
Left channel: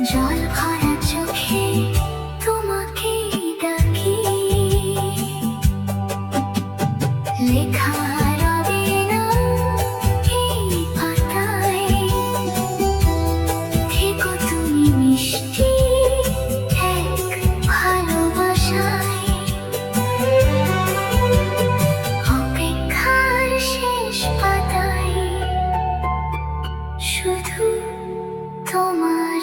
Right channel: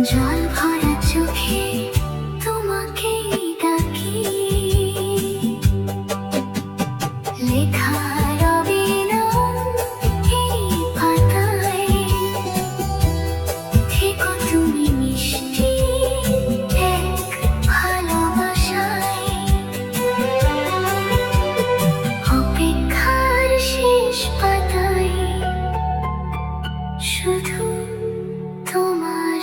জল ভরা চোখে তোমাকে ডাকি। লেখা রবে না এই পাতায়, থেকো তুমি মিষ্টি এক ভালোবাসায়। অপেক্ষার শেষ পাতায় শুধু তোমার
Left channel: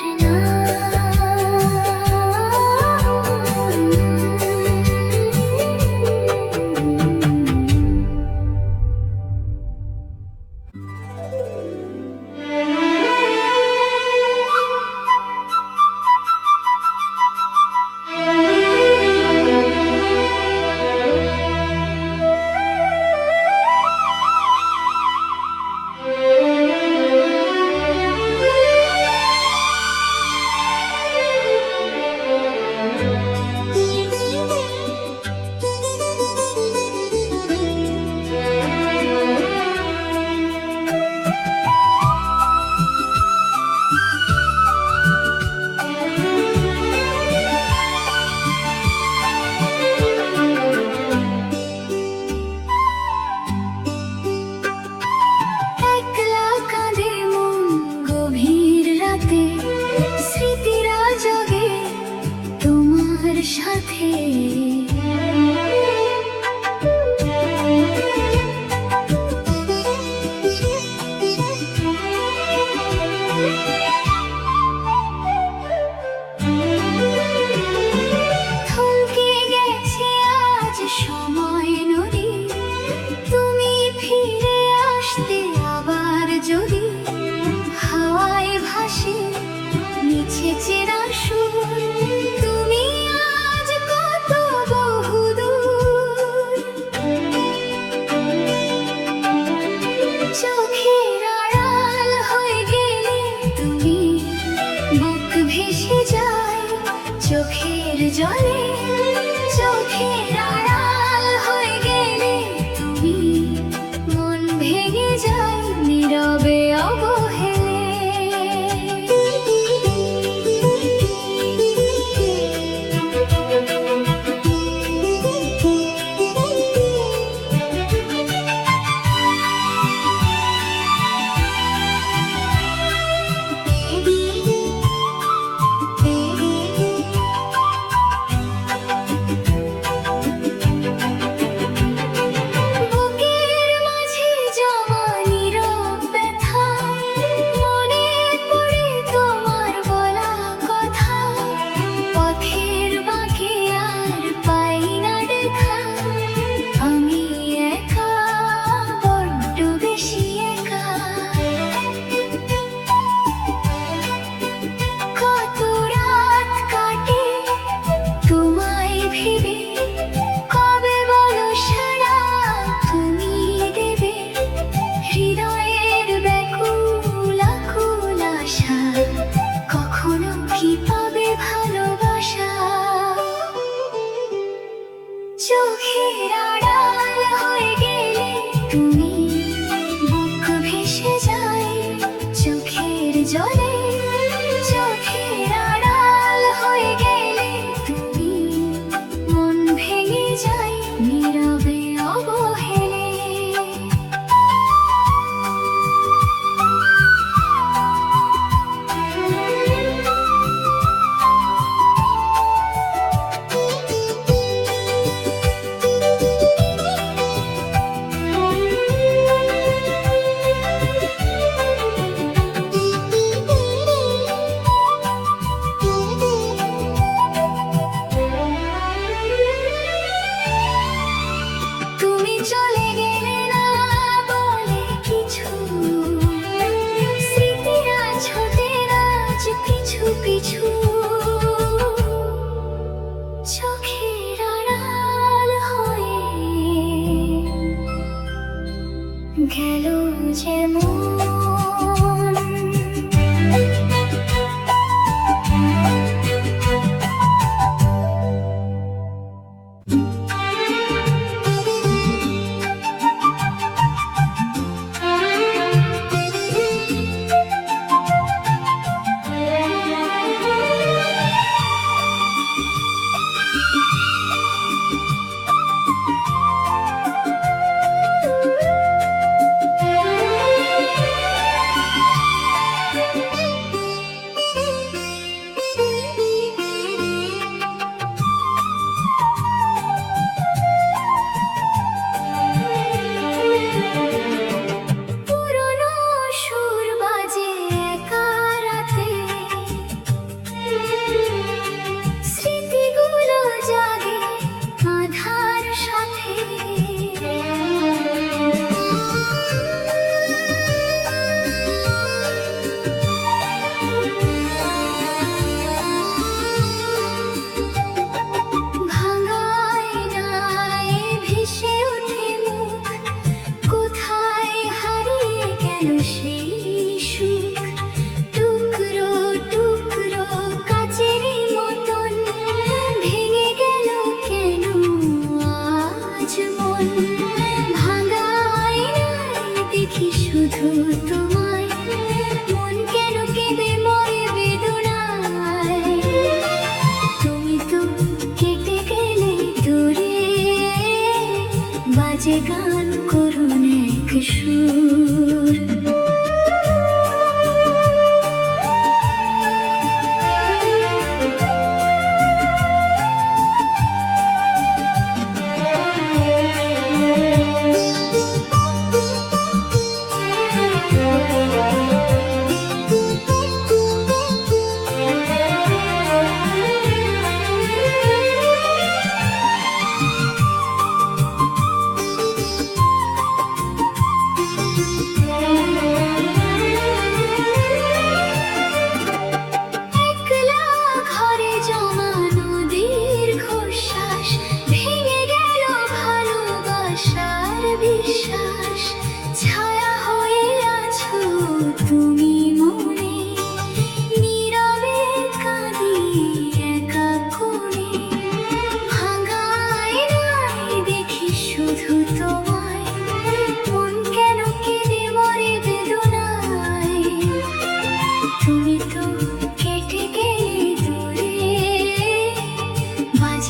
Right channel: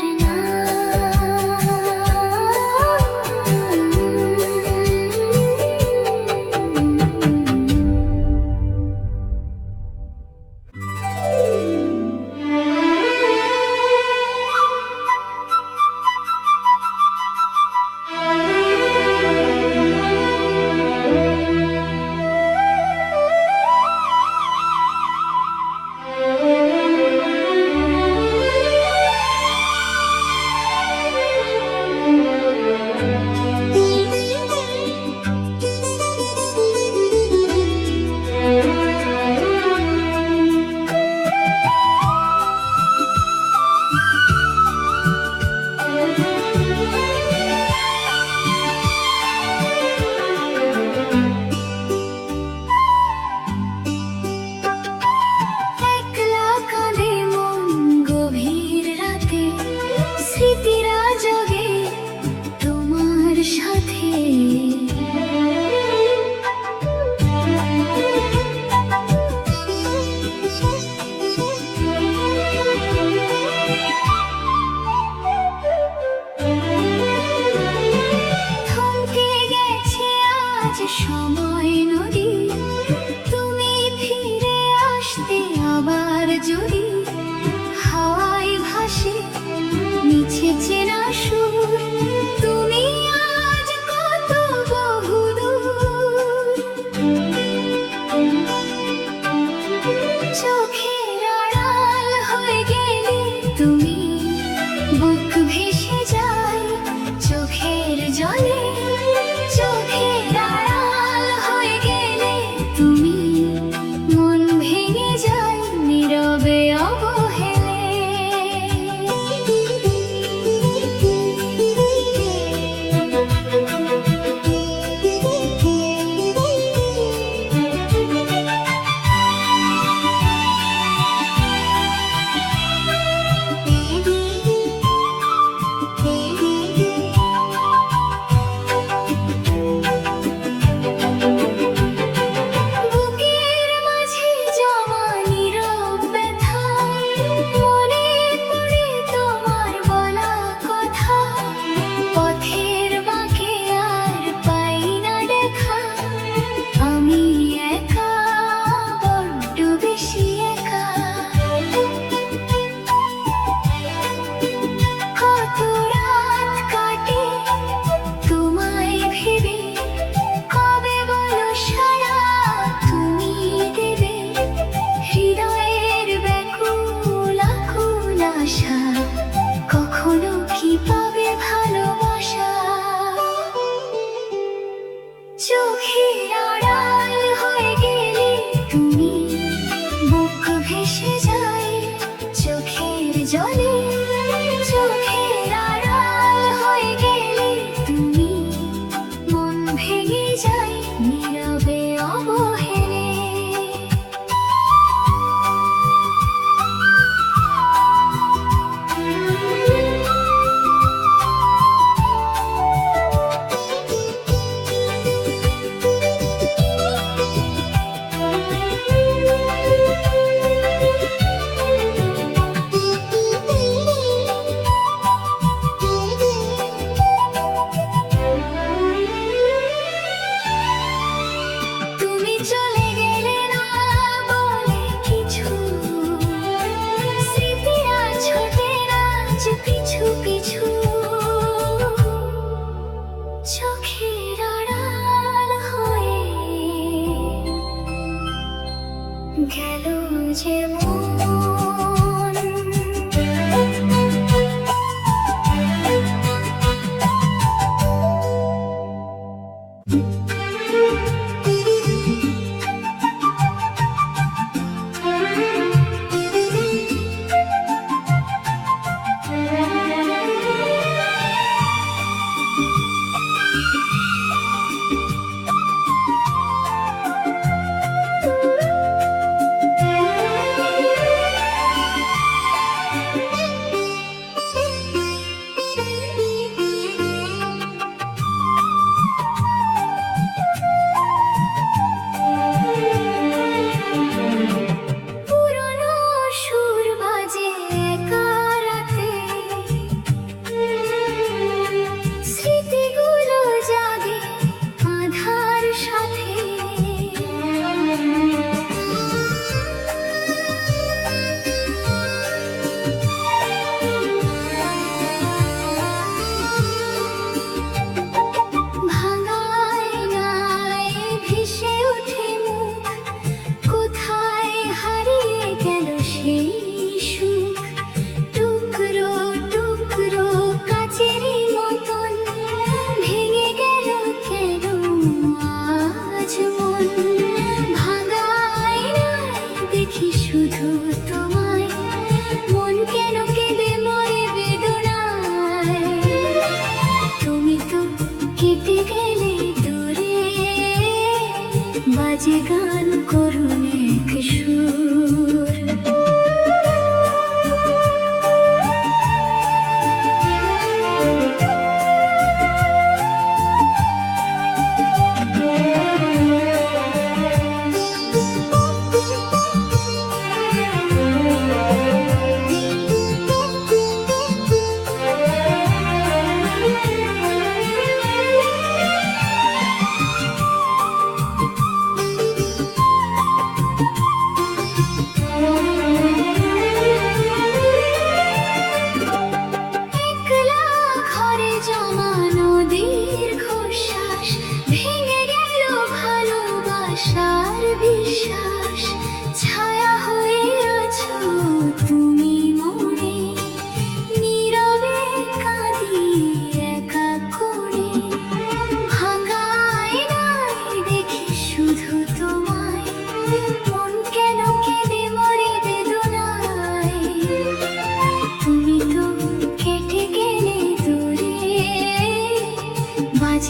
একলা কাঁদে মন গভীর রাতে, স্মৃতিরা জাগে তোমার সাথে। থমকে গেছে আজ সময় নদী, তুমি ফিরে আসতে আবার যদি। হাওয়ায় ভাসে মিছে চেনা সুর, তুমি আজ কত বহুদূর। চোখের আড়াল হয়ে গেলে তুমি, বুক ভেসে যায় চোখের জলে। চোখের আড়াল হয়ে গেলে তুমি, মন ভেঙে যায় নীরবে অবহেলে।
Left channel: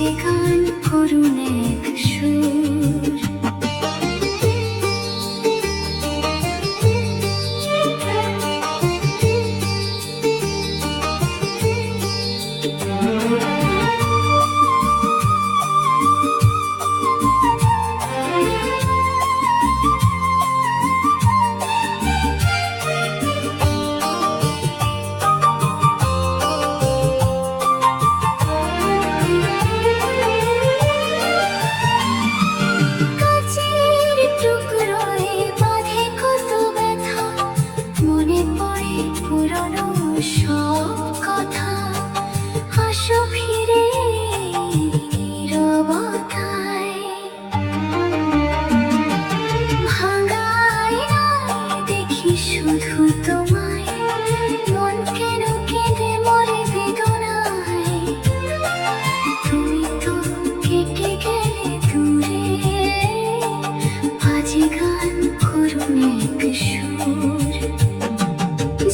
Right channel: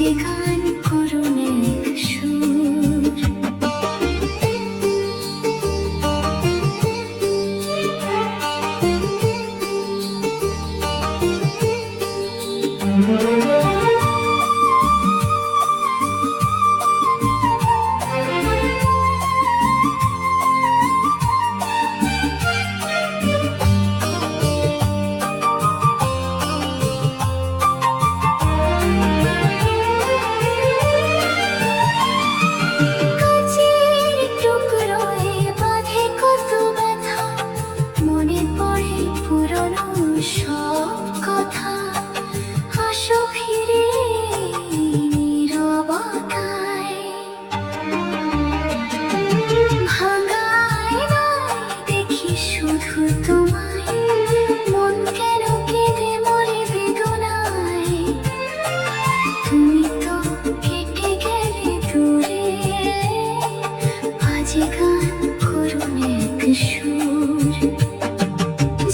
বাজে গান করুণ এক সুর।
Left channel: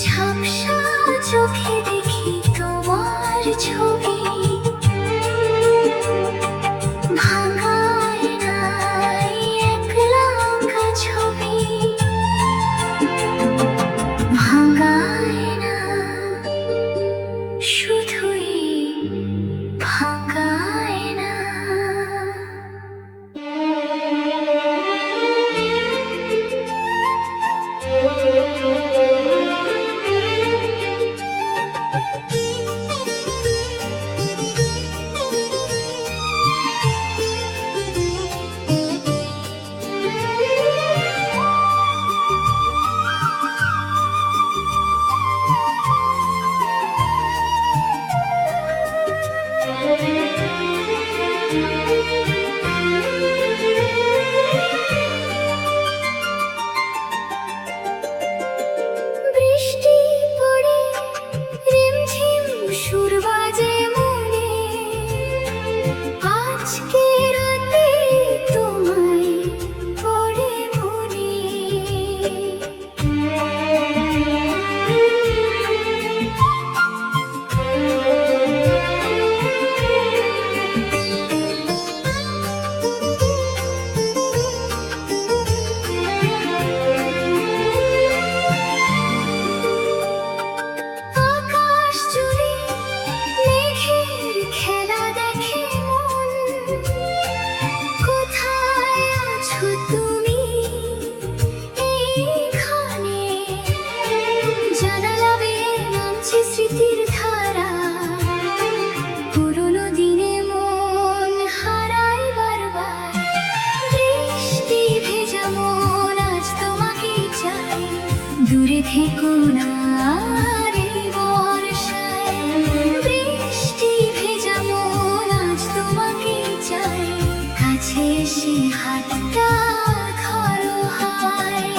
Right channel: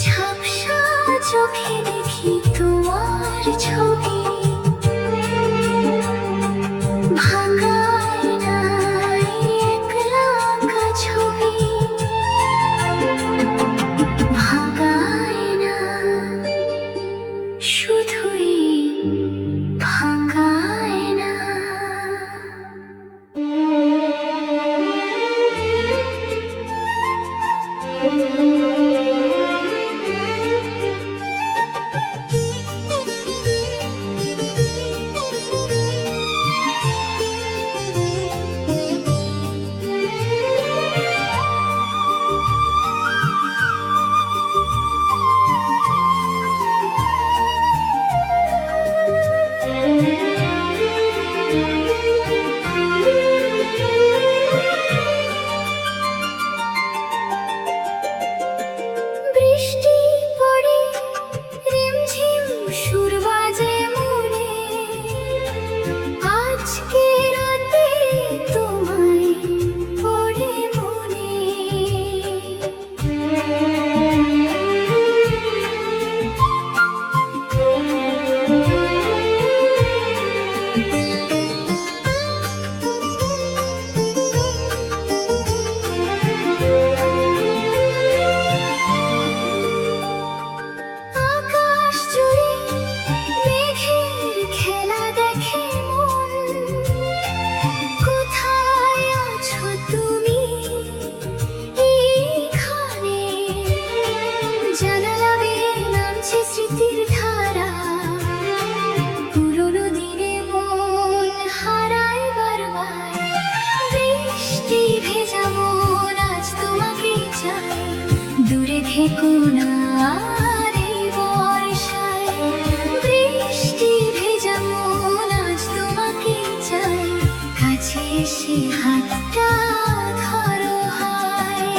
ঝাপসা চোখে দেখি তোমার ছবি, ভাঙা আয়নায় একলা আঁকা ছবি, ভাঙা আয়না শুধুই ভাঙা আয়না। বৃষ্টি পড়ে রিমঝিম সুর বাজে মনে, আজকে রাতে তোমায় পড়ে মনে। আকাশ জুড়ে মেঘের খেলা দেখে মন, কোথায় আছো তুমি এইখানে? জানালা বেয়ে নামছে স্মৃতির ধারা, পুরোনো দিনে মন হারায় বারবার। বৃষ্টি ভেজা মন আজ তোমাকেই চাই, দূরে থেকো না আর এই বর্ষায়। বৃষ্টি ভেজা মন আজ তোমাকেই চাই, কাছে এসে হাতটা ধরো হায়।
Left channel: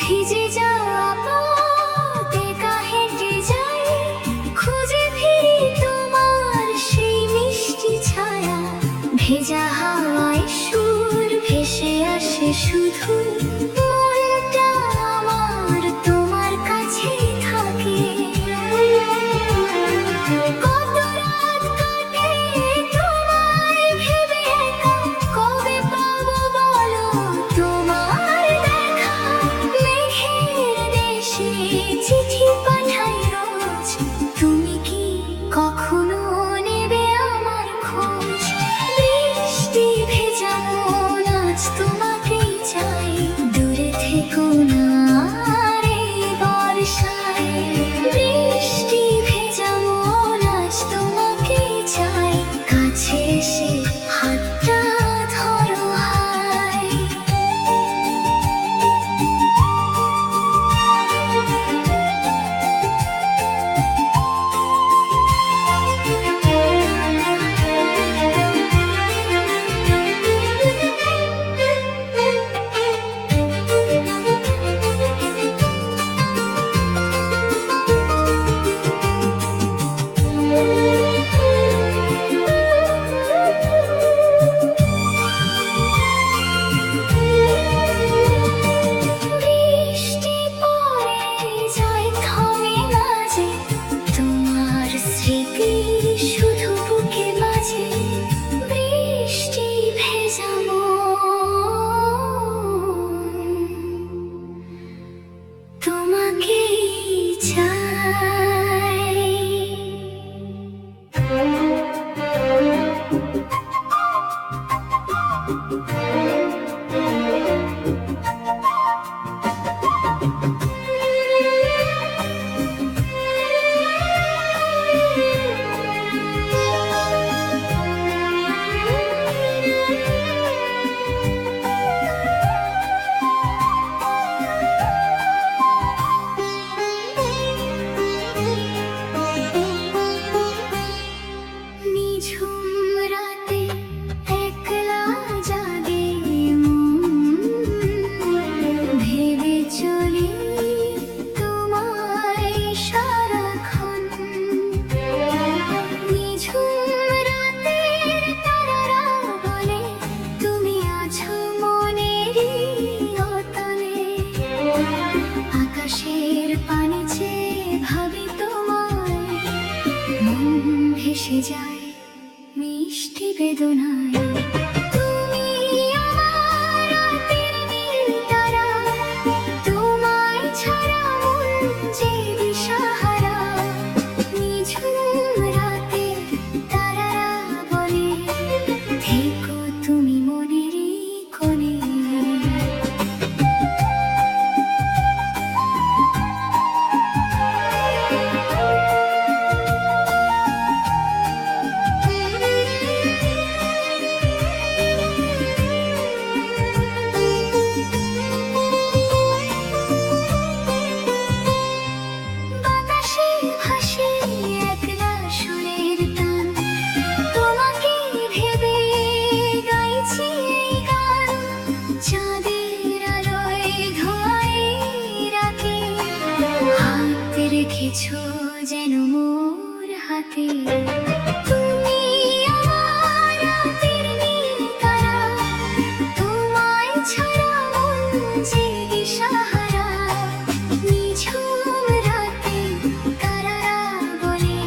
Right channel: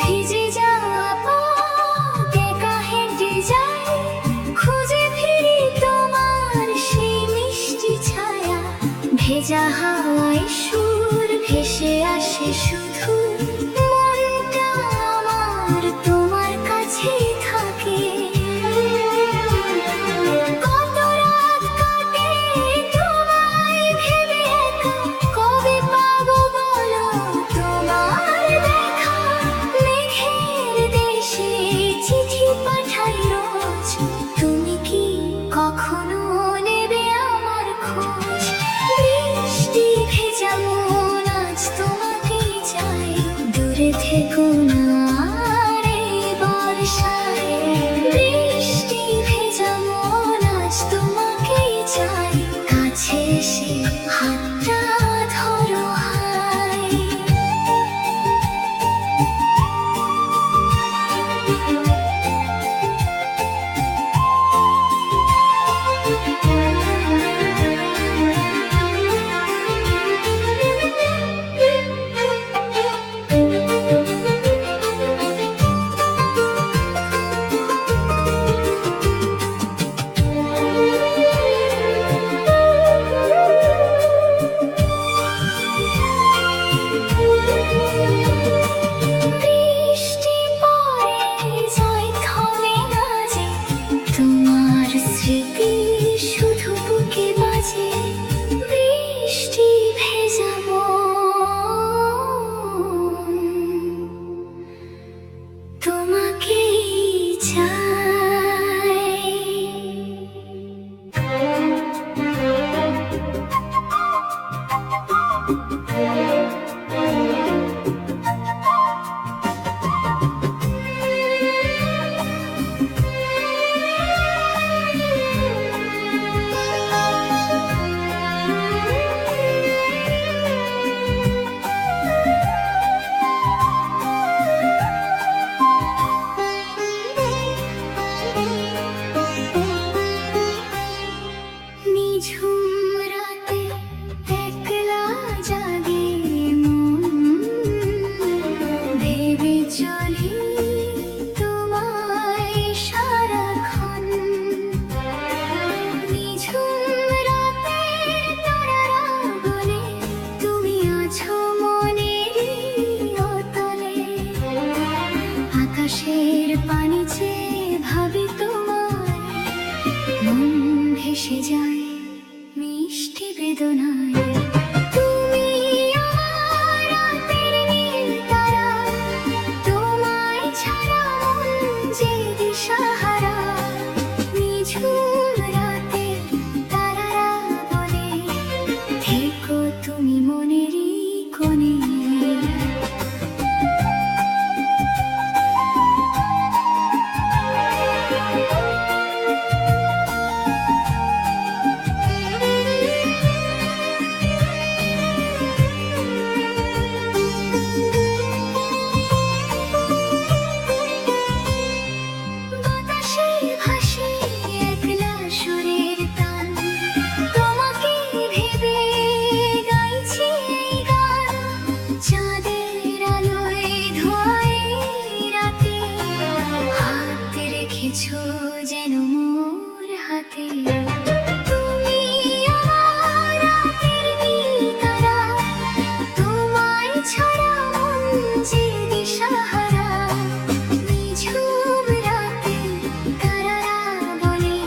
ভিজে যাওয়া পথ একা হেঁটে যাই, খুঁজে ফিরি তোমার সেই মিষ্টি ছায়া। ভেজা হাওয়ায় সুর ভেসে আসে শুধু, মনটা আমার তোমার কাছেই থাকে। কত রাত কাটে তোমায় ভেবে একা, কবে পাবো বলো তোমার দেখা? মেঘের দেশে চিঠি পাঠাই রোজ, তুমি কি কখনো নেবে আমার খোঁজ? বৃষ্টি ভেজা মন আজ তোমাকেই চাই, নিঝুম রাতে একলা জাগে মন, ভেবে চলি তোমায় সারাক্ষণ। নিঝুম রাতের তারারা বলে তুমি আছো মনেরই অতলে। আকাশের পানে চেয়ে ভাবি তোমায়, মন ভেসে যায় মিষ্টি বেদনায়। তুমি আমার রাতের নীল তারা, তোমায় ছাড়া মন যে দিশাহারা। নিঝুম রাতে তারারা বলে থেকো তুমি মনেরই কোণে। বাতাসে ভাসে একলা সুরের টান, তোমাকে ভেবে গাইছি এই গান। চাঁদের আলোয় ধোয়াই রাতে, হাত রেখেছো যেন মোর হাতে। তুমি আমার রাতের নীল তারা, তোমায় ছাড়া মন যে দিশাহারা। নিঝুম রাতে তারারা বলে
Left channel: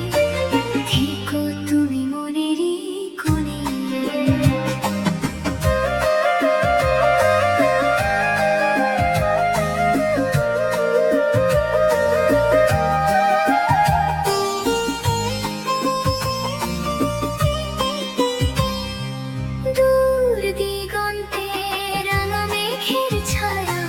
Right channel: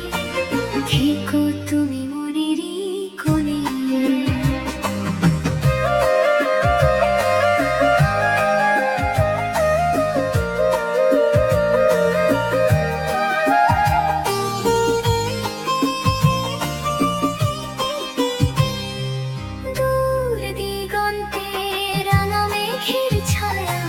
থেকো তুমি মনেরই কোণে। দূর দিগন্তে রাঙা মেঘের ছায়া,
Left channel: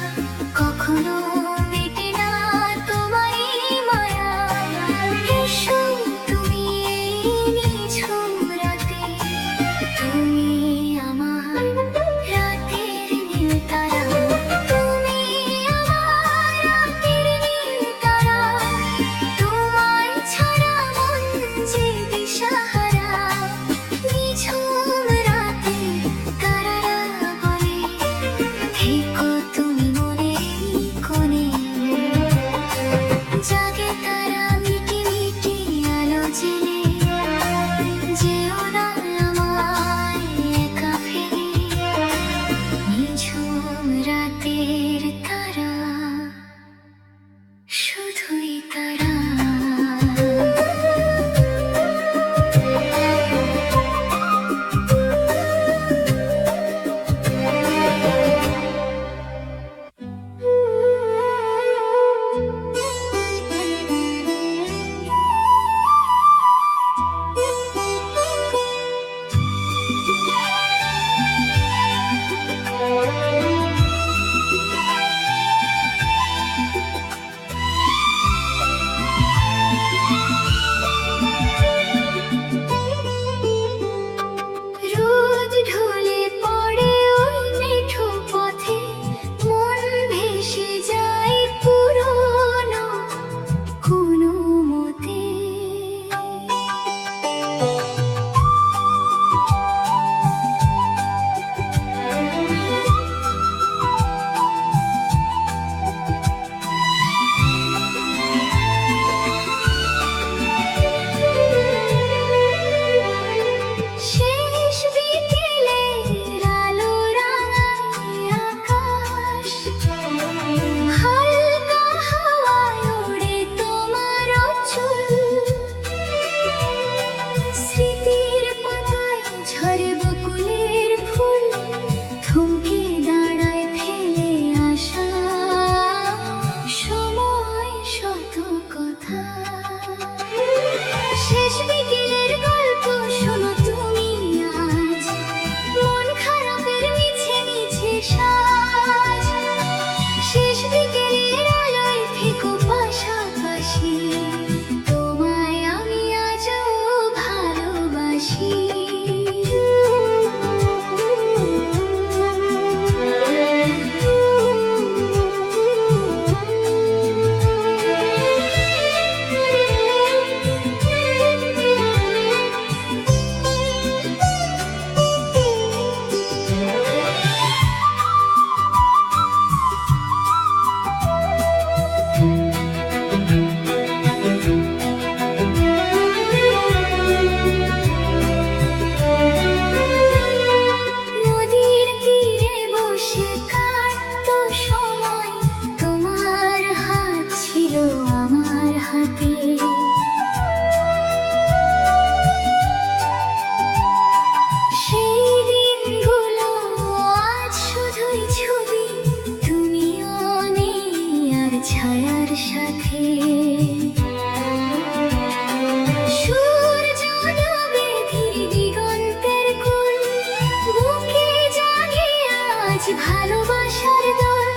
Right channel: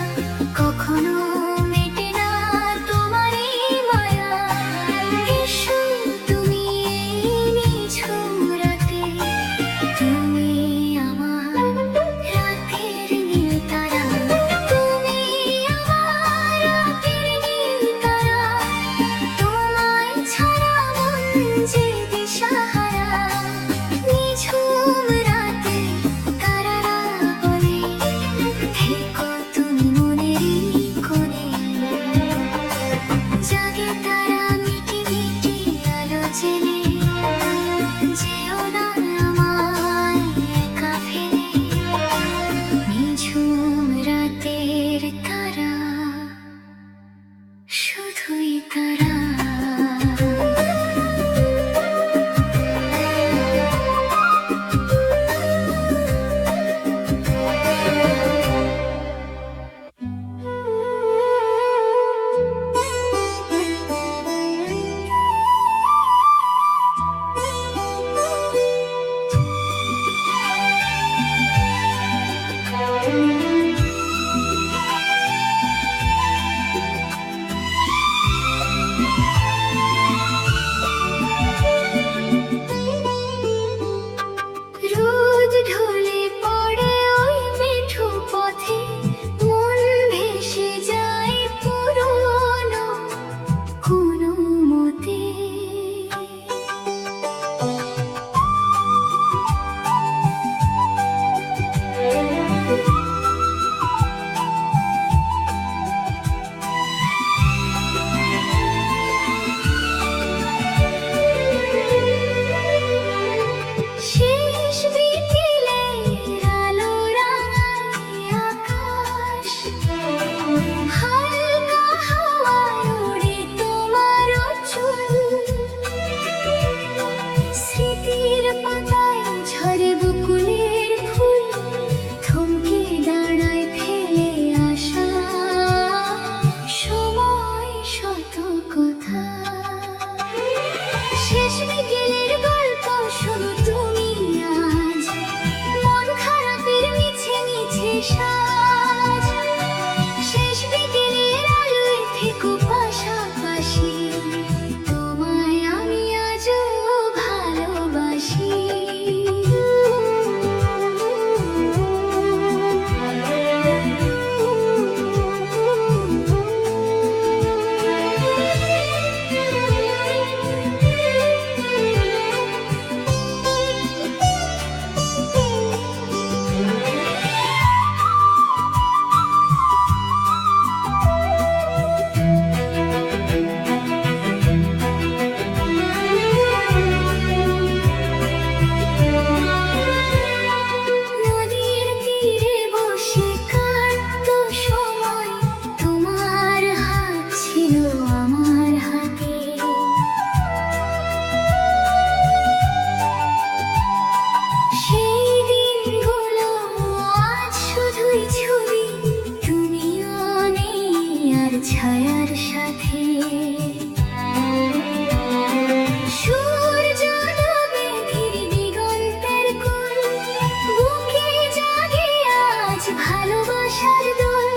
আজ ভালোবাসার দোল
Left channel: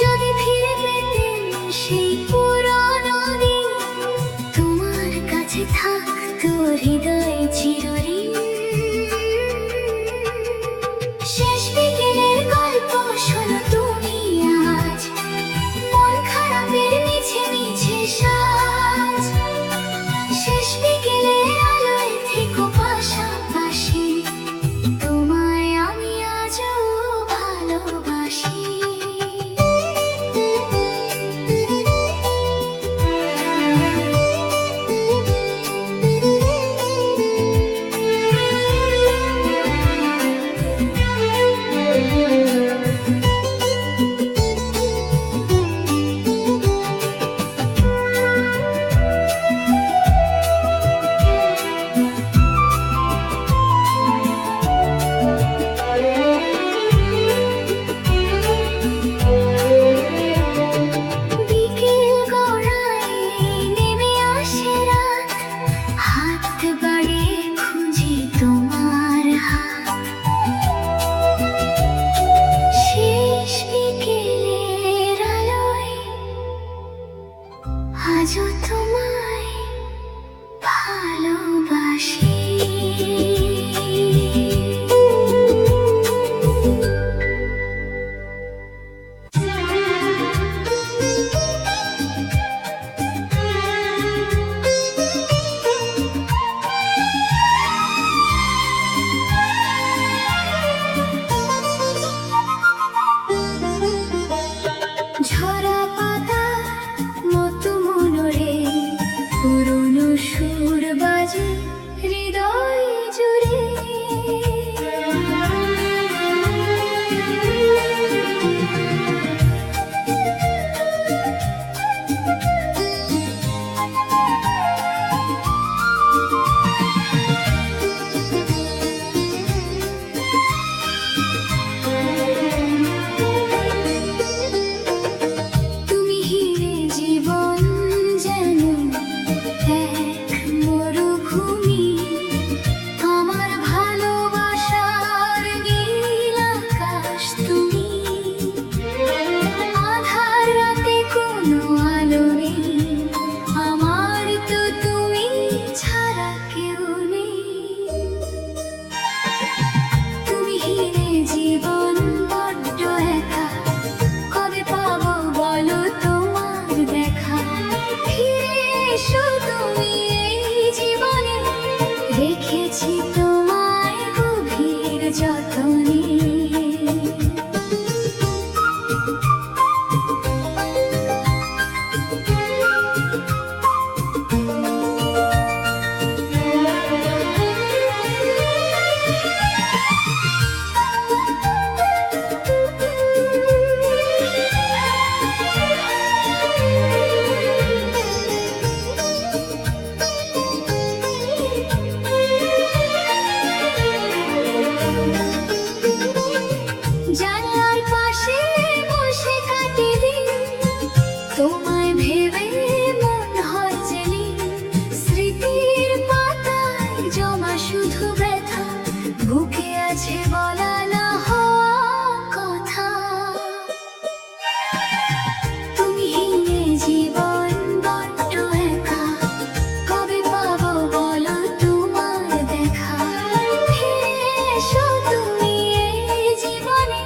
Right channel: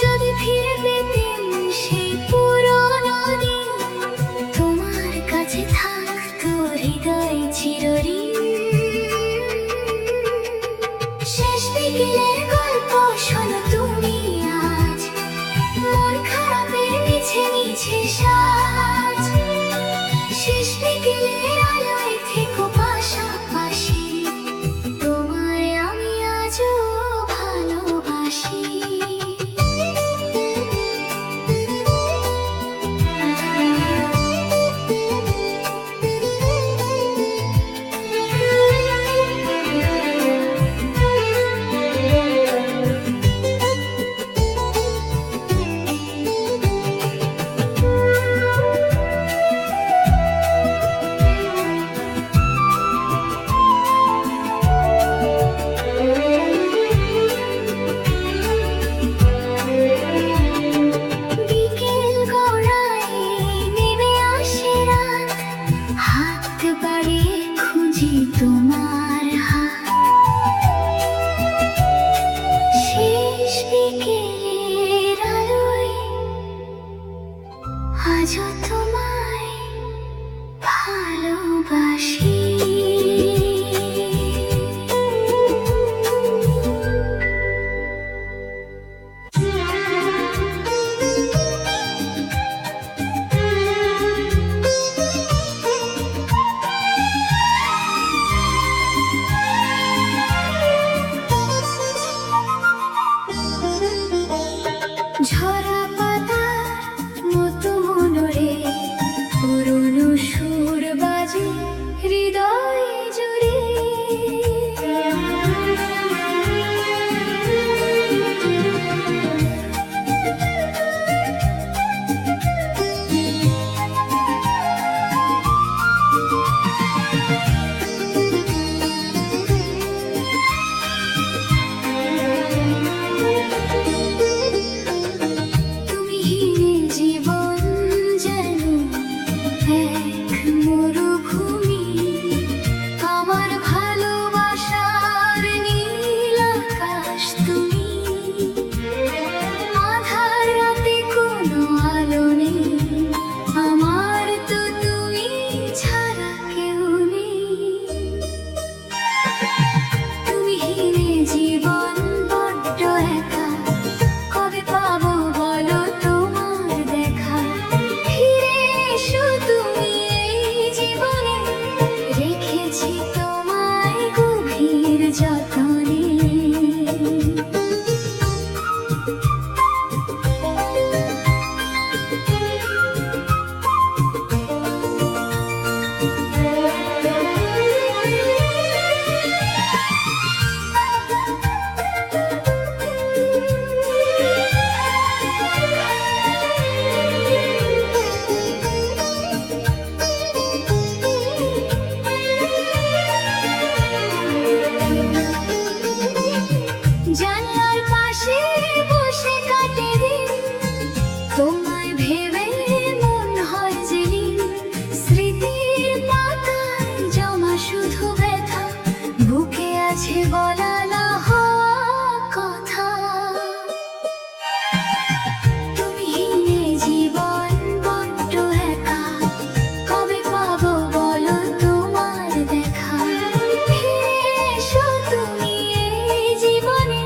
যদি ফিরে পেতেন সেই পুরনো দিন তোমার কাছে থাকতো হৃদয় চিরঋণ শেষ বিকেলের গল্প শোনো তুমি আজ মন খারাপের মিছে মিছে সাজ শেষ বিকেলের আলোয় থেকো পাশাপাশি তোমায় আমি আজও ভালোবাসি আজও তোমায় ভালোবাসি ঝরা পাতার মতো মনোরে পুরনো সুর বাজে হৃদয় জুড়ে তুমি হিরে জীবন যেন এক মরুভূমি আমার ভালোবাসার নীল আকাশ তুমি আধার রাতে কোনো আলো নেই আমার তো তুমি ছাড়া কেউ নেই তুমি হিরে জীবন বড্ড একা কবে পাবো বলো তোমার দেখা ফিরে এসো তুমি এই জীবনে রেখেছি তোমায় গভীর যতনে জানলার পাশে বসে কাটে দিন তোমায় ভেবে মন হয় যেদিন স্মৃতির পাতায় জমা শুধু ব্যথা বুকে আছে বলা না হওয়া কথা তুমি হিনে জীবন বড্ড একা কবে পাবো বলো তোমার দেখা ফিরে এসো তুমি এই জীবনে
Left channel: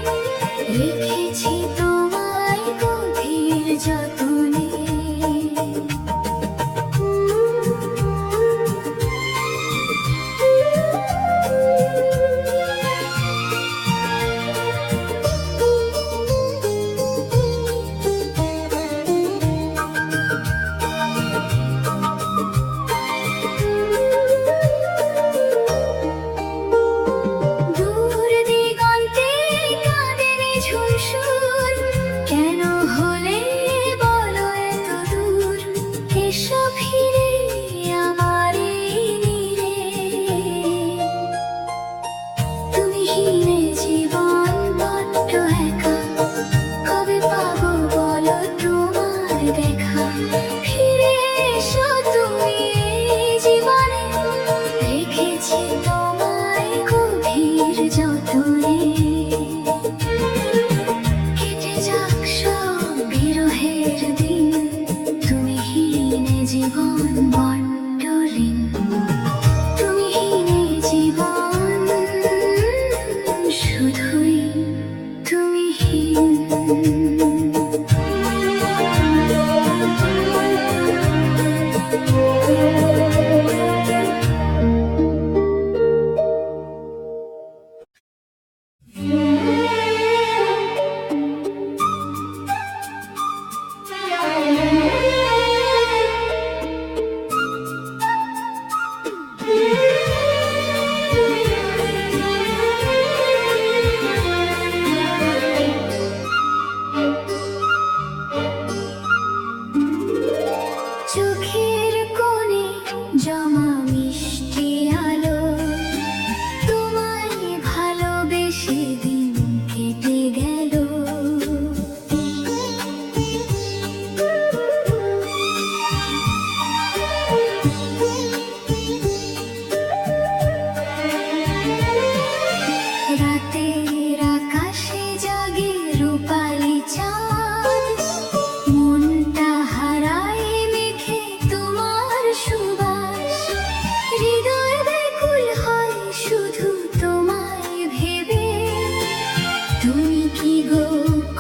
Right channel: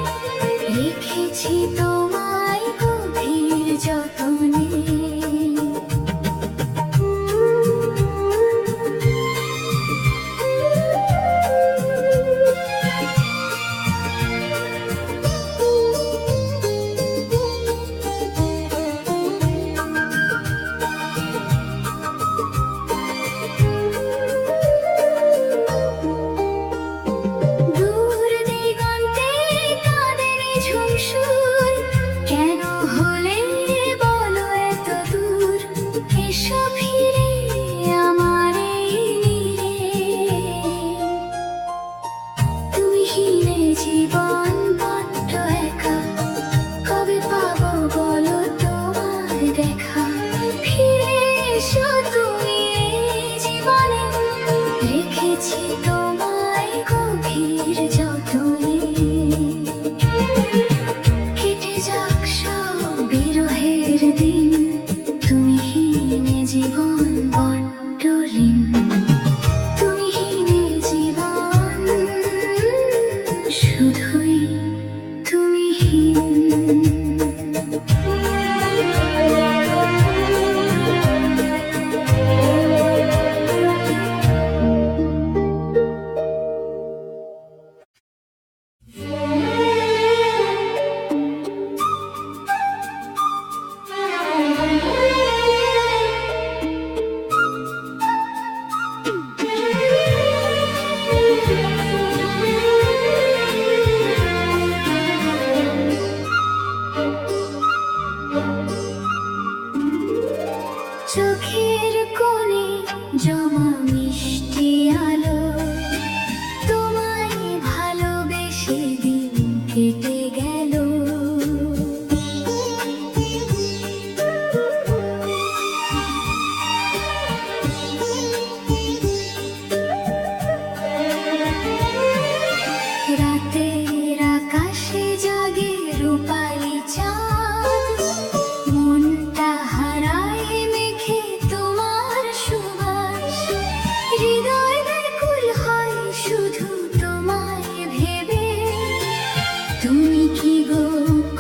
তুমি কি গো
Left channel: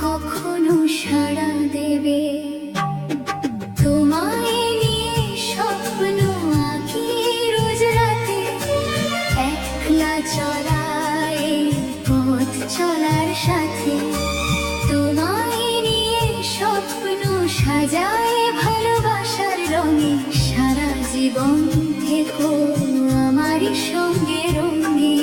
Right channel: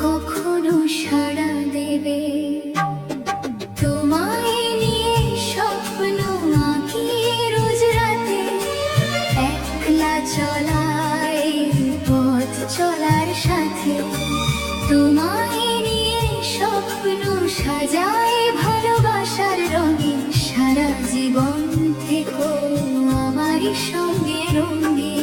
কখনো সাড়া দেবে? তোমায় নিয়ে স্বপ্ন আঁকি রোজ রাতে, একলা চলায় পথ চলার সাথে। তোমায় নিয়ে স্বপ্ন সাজায় ভালোবাসার রঙে, সারা জীবন থেকো আমারই সঙ্গে রঙে।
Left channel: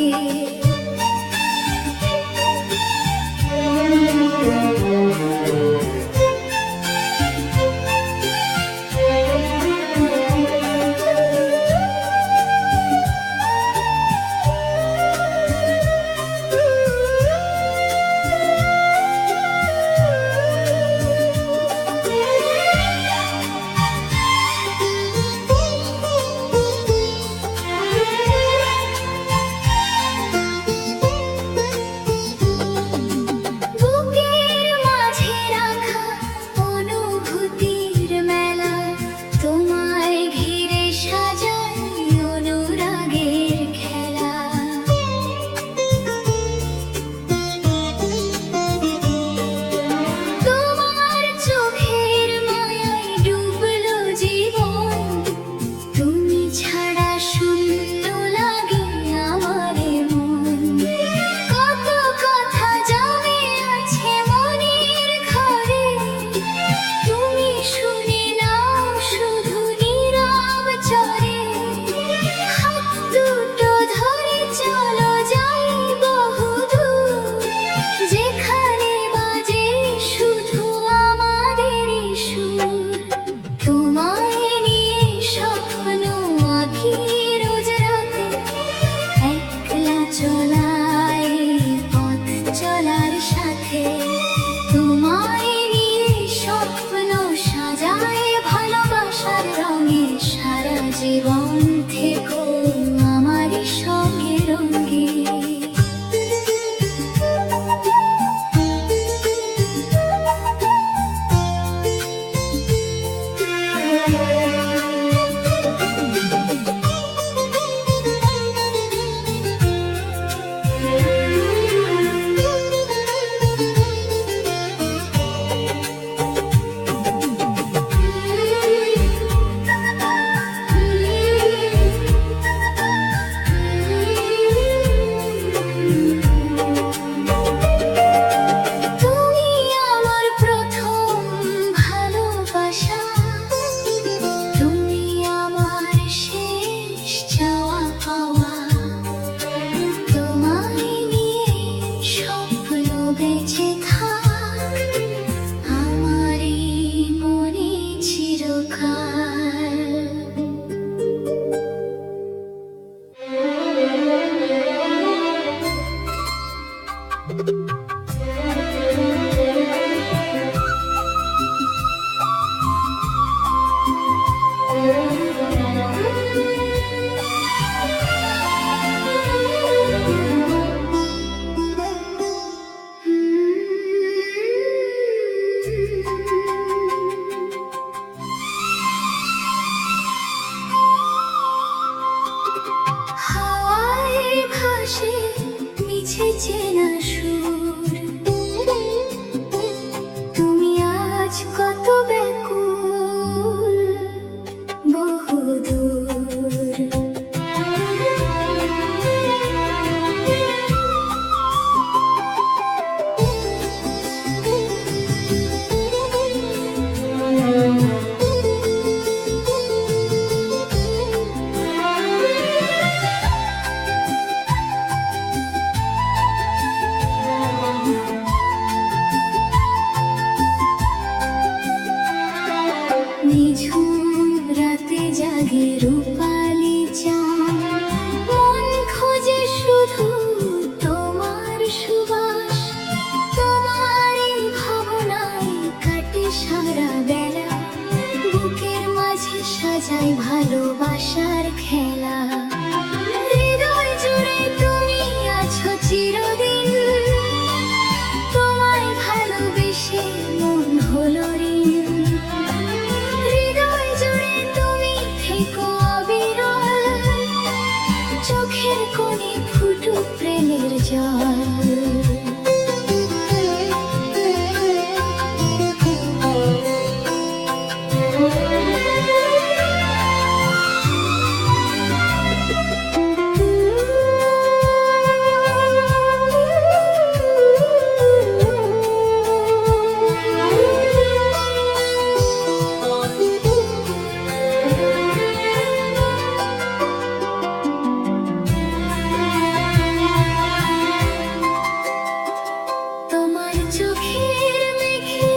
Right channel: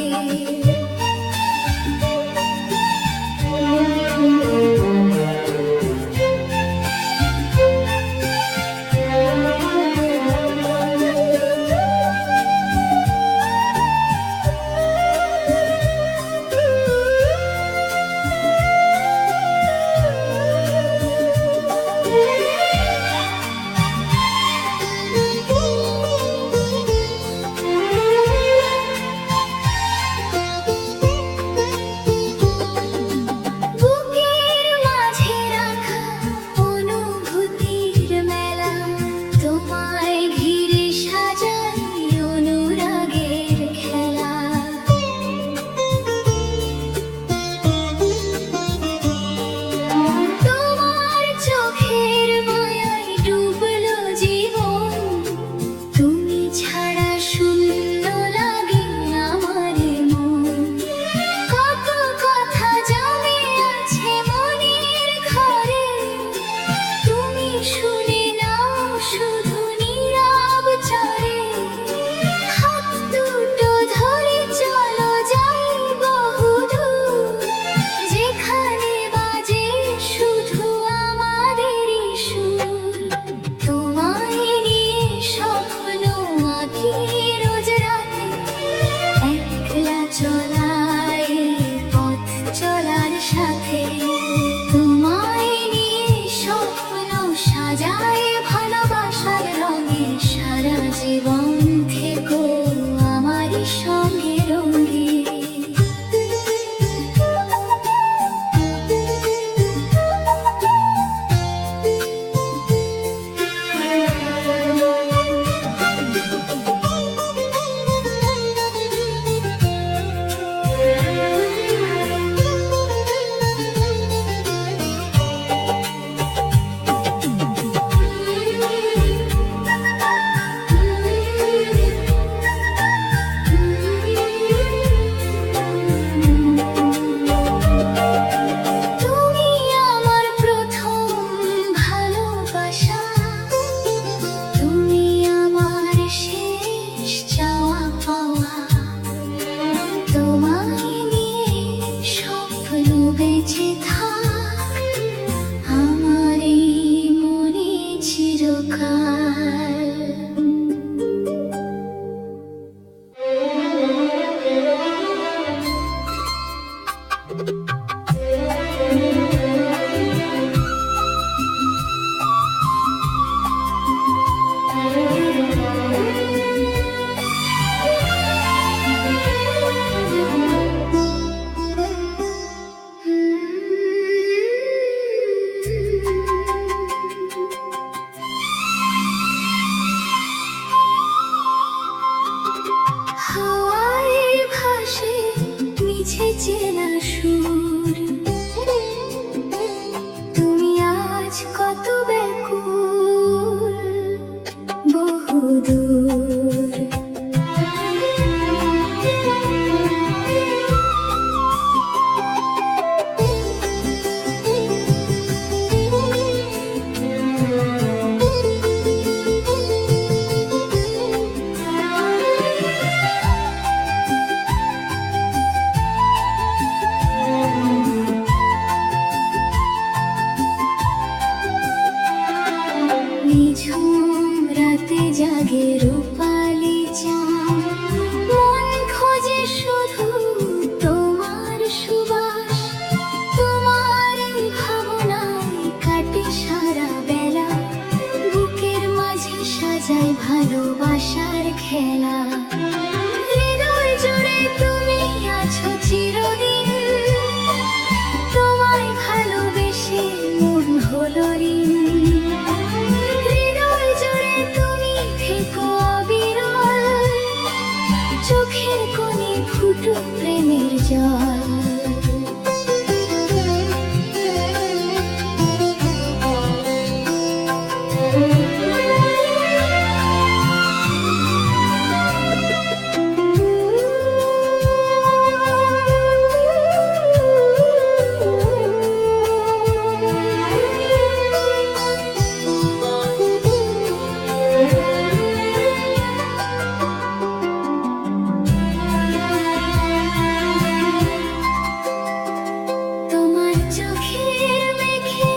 চোখের মেঘে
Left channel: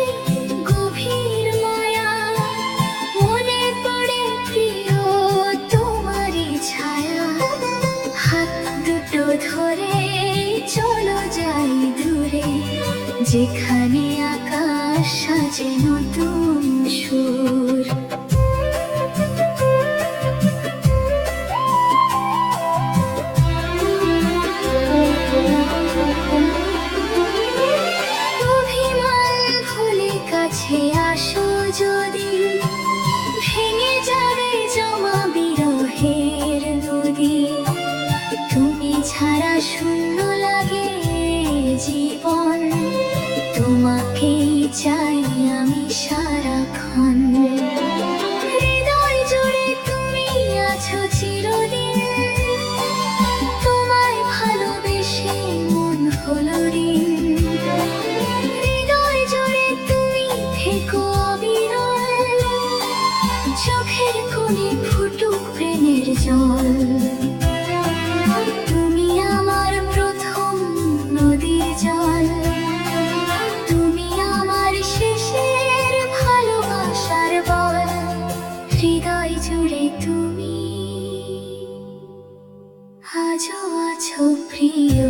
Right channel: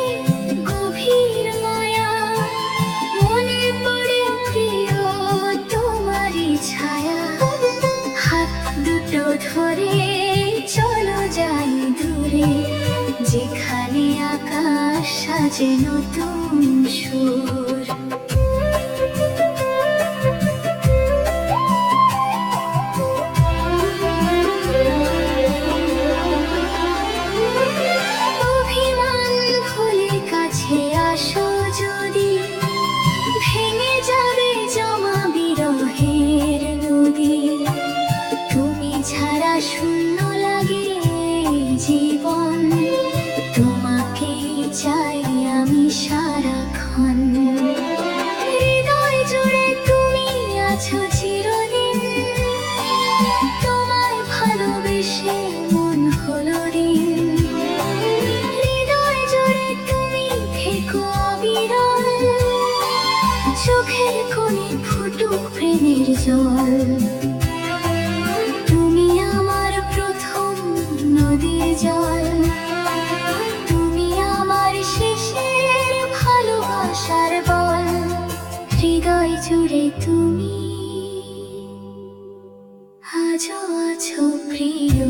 গভীর মায়া, মনে পড়ে প্রিয় তোমারই ছায়া। হাত দুটো ধরে চলো যাই দূরে, যেখানে আকাশ সাজে নতুন সুর। অভিমান ভুলে কাছে আসো যদি, ভেঙে যাবে জমা বিরহের নদী। তুমি ছাড়া শূন্য লাগে জীবন, তোমাকেই চাই আমি সারাক্ষণ। হৃদয় জুড়ে তুমি আছো চিরদিন, তোমায় ভালোবেসে মন হলো ঋণ। হৃদয় জুড়ে তুমি থেকো অবিরল, চোখের কোণে ফুটুক প্রেমের জল। তুমি আমার প্রথম নদীর জল, তুমি আমার শেষের ভালোবাসার বল। হৃদয় জুড়ে তুমি আজও আছো প্রিয়।